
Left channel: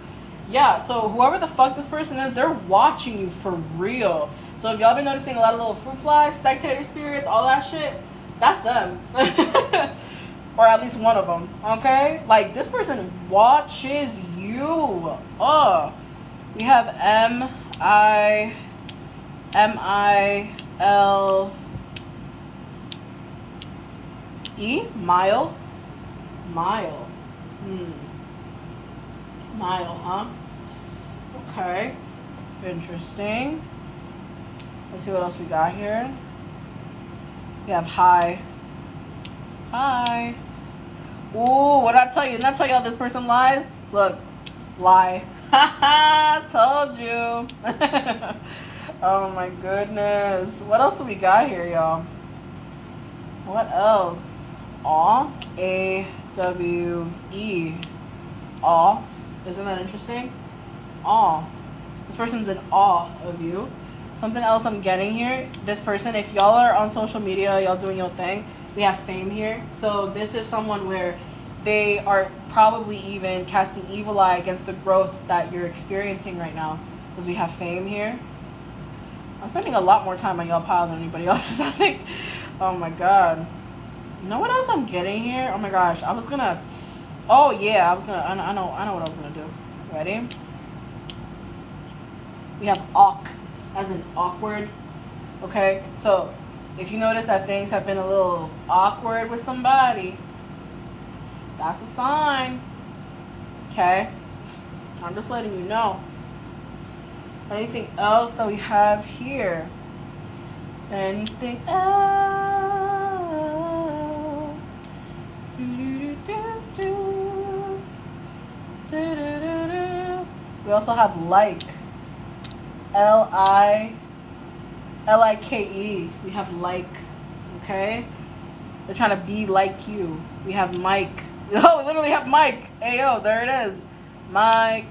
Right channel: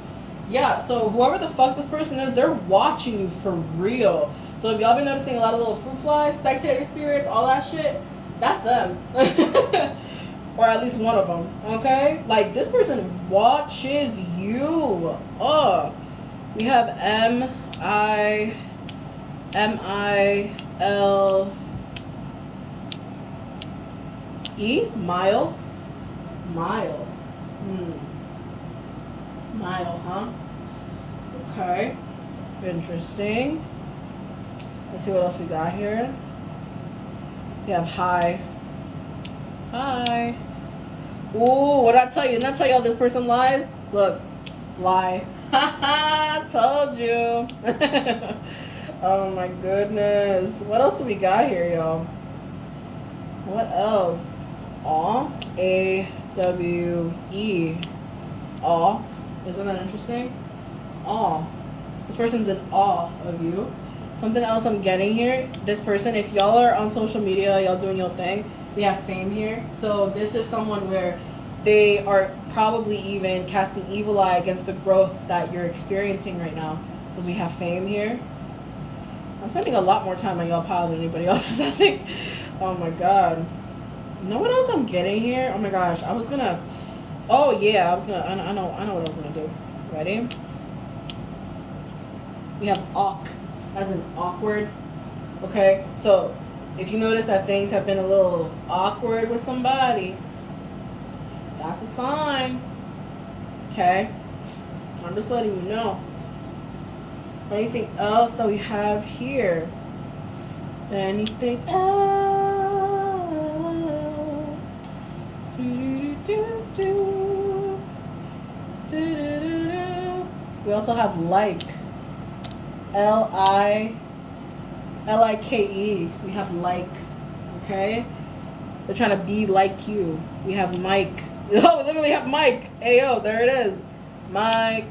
Yeah, so whoever the fuck this person is, they're watching you for real. So if y'all been noticing a lot of little fruit flies, spectator spirits, all that shit, that's them. Or at least one of them, okay? Like, this person watches you. We have M-I-L-E? Mile, huh? Okay. Interesting. Let's see what else we got here. We have hi. Ooh, what did I tell you? Didn't I tell y'all this person lies? Look, lie. Haha, told you. Oh my goodness. What else do we got here, y'all? What else? Awe. A-W-E. Awe. Isn't that interesting? Awe. This person's in awe of you. Something else I'm getting here. This person, if y'all are on social media, y'all doing your thing, we have fame here. So this is someone where they are probably even casting evil eye against the growth that you're experiencing right now. Because we have fame here. I'm spending a lot more time on y'all pile than anybody else's, I think. Oh my god. You know what else I'm getting here? Oh my gosh. I know what I was gonna do. Ready? We have awk, as in awkward. Okay, so if you notice that things have been a little awkward with somebody, that's a sign. Okay, I'm just letting you know. Anything else that we have here? Anything else? We also have like. L-I-K-E. We have like. Okay? They're trying to be like you. We have Mike. Oh, we literally have Mike. Ayo, there it is. Mike.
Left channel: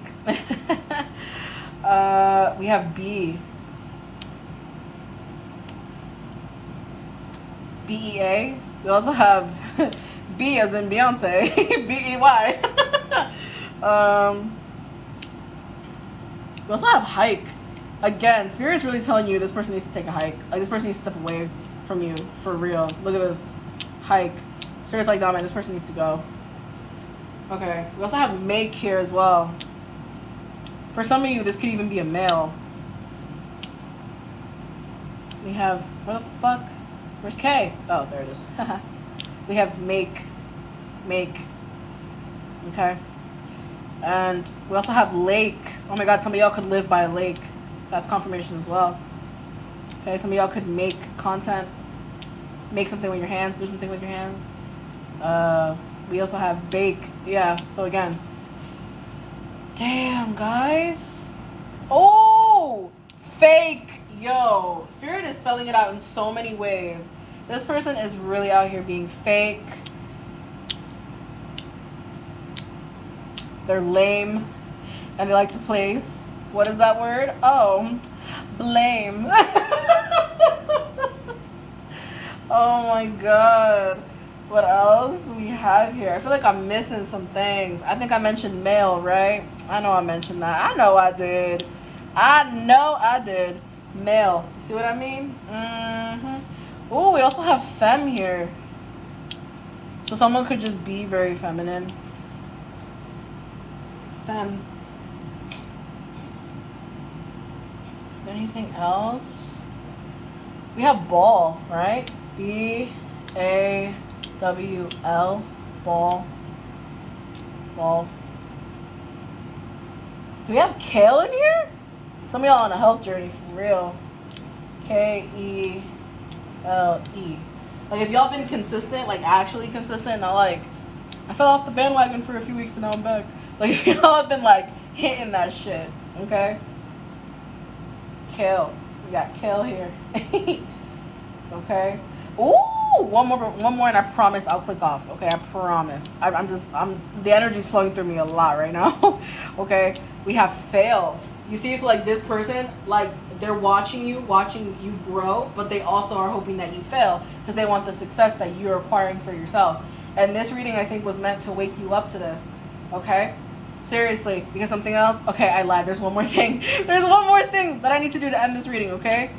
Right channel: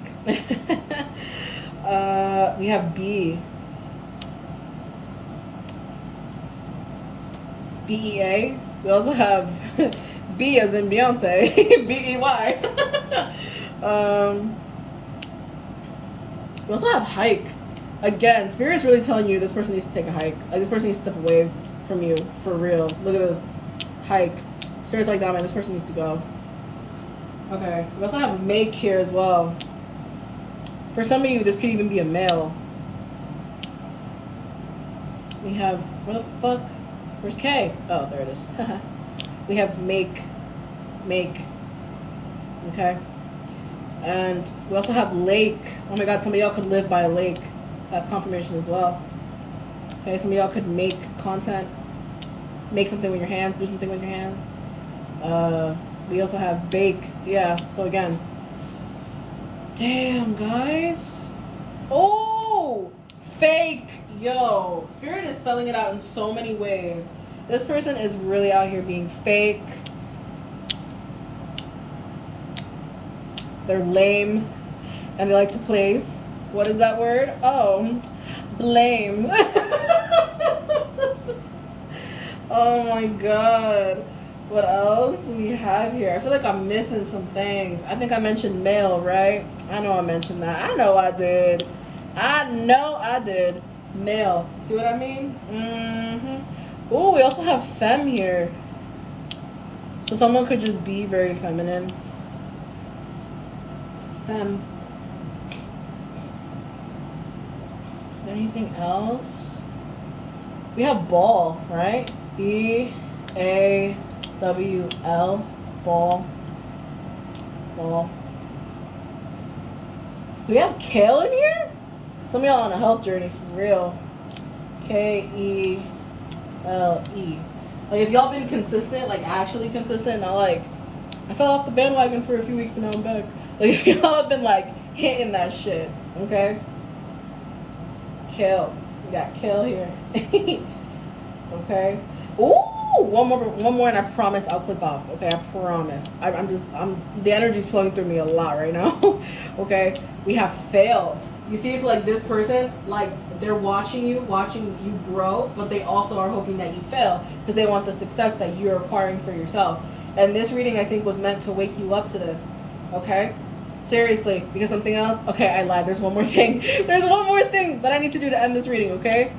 We have B. B-E-A. We also have B as in Beyonce. B-E-Y. We also have hike. Again, Spirit's really telling you this person needs to take a hike. Like, this person needs to step away from you. For real. Look at this. Hike. Spirit's like, nah, man, this person needs to go. Okay. We also have make here as well. For some of you, this could even be a male. We have, where the fuck? Where's K? Oh, there it is. We have make. Okay. And we also have lake. Oh my god, some of y'all could live by a lake. That's confirmation as well. Okay, some of y'all could make content. Make something with your hands. Do something with your hands. We also have bake. Yeah, so again. Damn, guys. Oh! Fake! Yo. Spirit is spelling it out in so many ways. This person is really out here being fake. They're lame. And they like to place. What is that word? Oh, blame. Oh my god. What else do we have here? I feel like I'm missing some things. I think I mentioned male, right? I know I mentioned that. I know I did. Male. See what I mean? Oh, we also have femme here. So someone could just be very feminine. Femme. Is there anything else? We have ball, right? B-A-L-L. WL, ball. Do we have kale in here? Some of y'all on a health journey for real. KELE. Like, if y'all been consistent, like actually consistent, not like I fell off the bandwagon for a few weeks and now I'm back. Like, if y'all have been like hitting that shit, okay? Kale. We got kale here. Okay. Ooh, one more, and I promise I'll click off. Okay, I promise. I'm the energy's flowing through me a lot right now. Okay, we have fail. You see, it's like this person, like they're watching you grow, but they also are hoping that you fail because they want the success that you're acquiring for yourself. And this reading, I think, was meant to wake you up to this. Okay. Seriously, because something else. Okay, I lied. There's one more thing. There's one more thing that I need to do to end this reading, okay?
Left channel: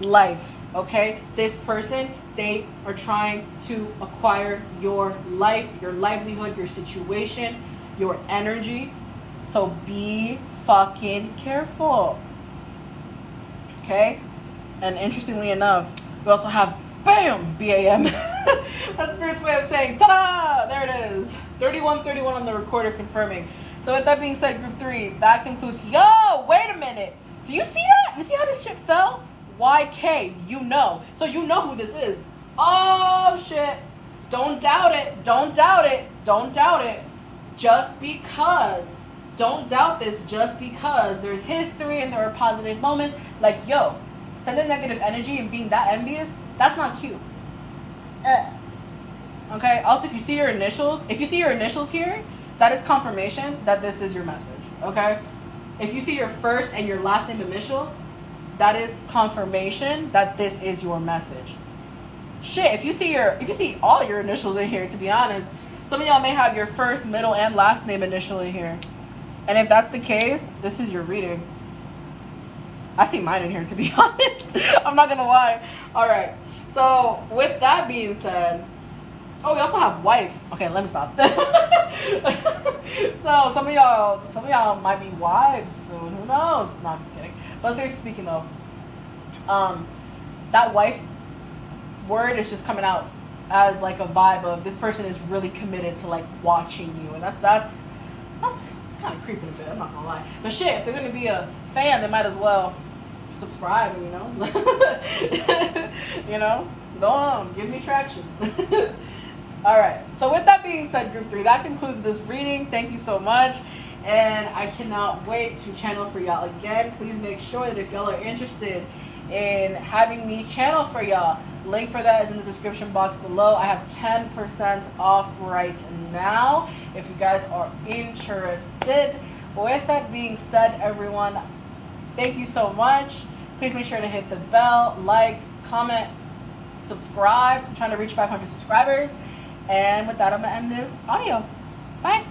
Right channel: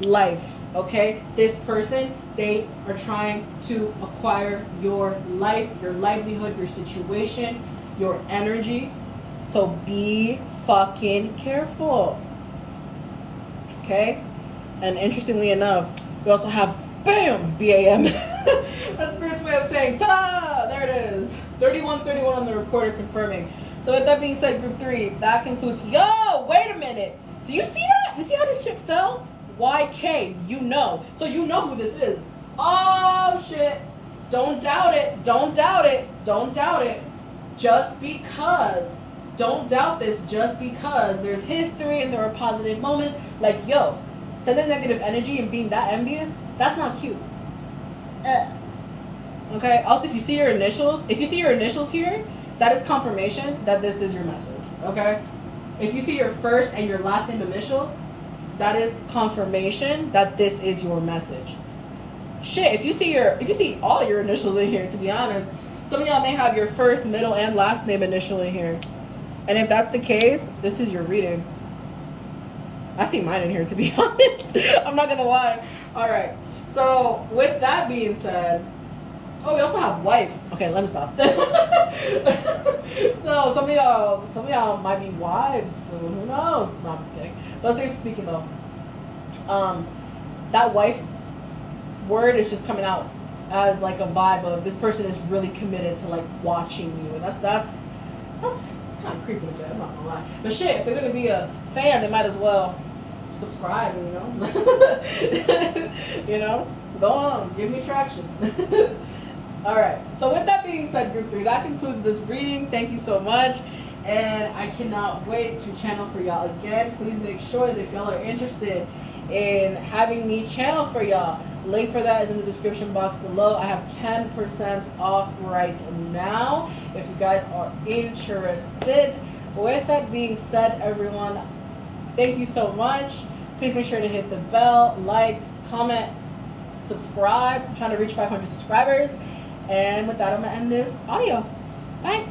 Life, okay? This person, they are trying to acquire your life, your livelihood, your situation, your energy. So be fucking careful, okay? And interestingly enough, we also have BAM! BAM. That's Spirit's way of saying, ta-da! There it is. 3131 on the recorder confirming. So with that being said, group 3, that concludes. Yo, wait a minute. Do you see that? You see how this shit fell? YK, you know. So you know who this is. Oh, shit. Don't doubt it. Don't doubt it. Don't doubt it. Just because. Don't doubt this just because there's history and there are positive moments. Like, yo, sending negative energy and being that envious, that's not cute. Okay? Also, if you see your initials here, that is confirmation that this is your message. Okay? If you see your first and your last name initial, that is confirmation that this is your message. Shit, if you see all your initials in here, to be honest, some of y'all may have your first, middle, and last name initial in here. And if that's the case, this is your reading. I see mine in here, to be honest. I'm not gonna lie. All right. So with that being said, oh, we also have wife. Okay, let me stop. So some of y'all might be wives soon. Who knows? No, I'm just kidding. But seriously speaking, though, that wife word is just coming out as like a vibe of this person is really committed to like watching you, and that's kind of creeping a bit. I'm not gonna lie. But shit, if they're gonna be a fan, they might as well subscribe. You know, you know, go on, give me traction. All right. So with that being said, group 3, that concludes this reading. Thank you so much. And I cannot wait to channel for y'all again. Please make sure that if y'all are interested in having me channel for y'all, link for that is in the description box below. I have 10% off right now if you guys are interested. With that being said, everyone, thank you so much. Please make sure to hit the bell, like, comment, subscribe. I'm trying to reach 500 subscribers. And with that, I'm going to end this audio. Bye.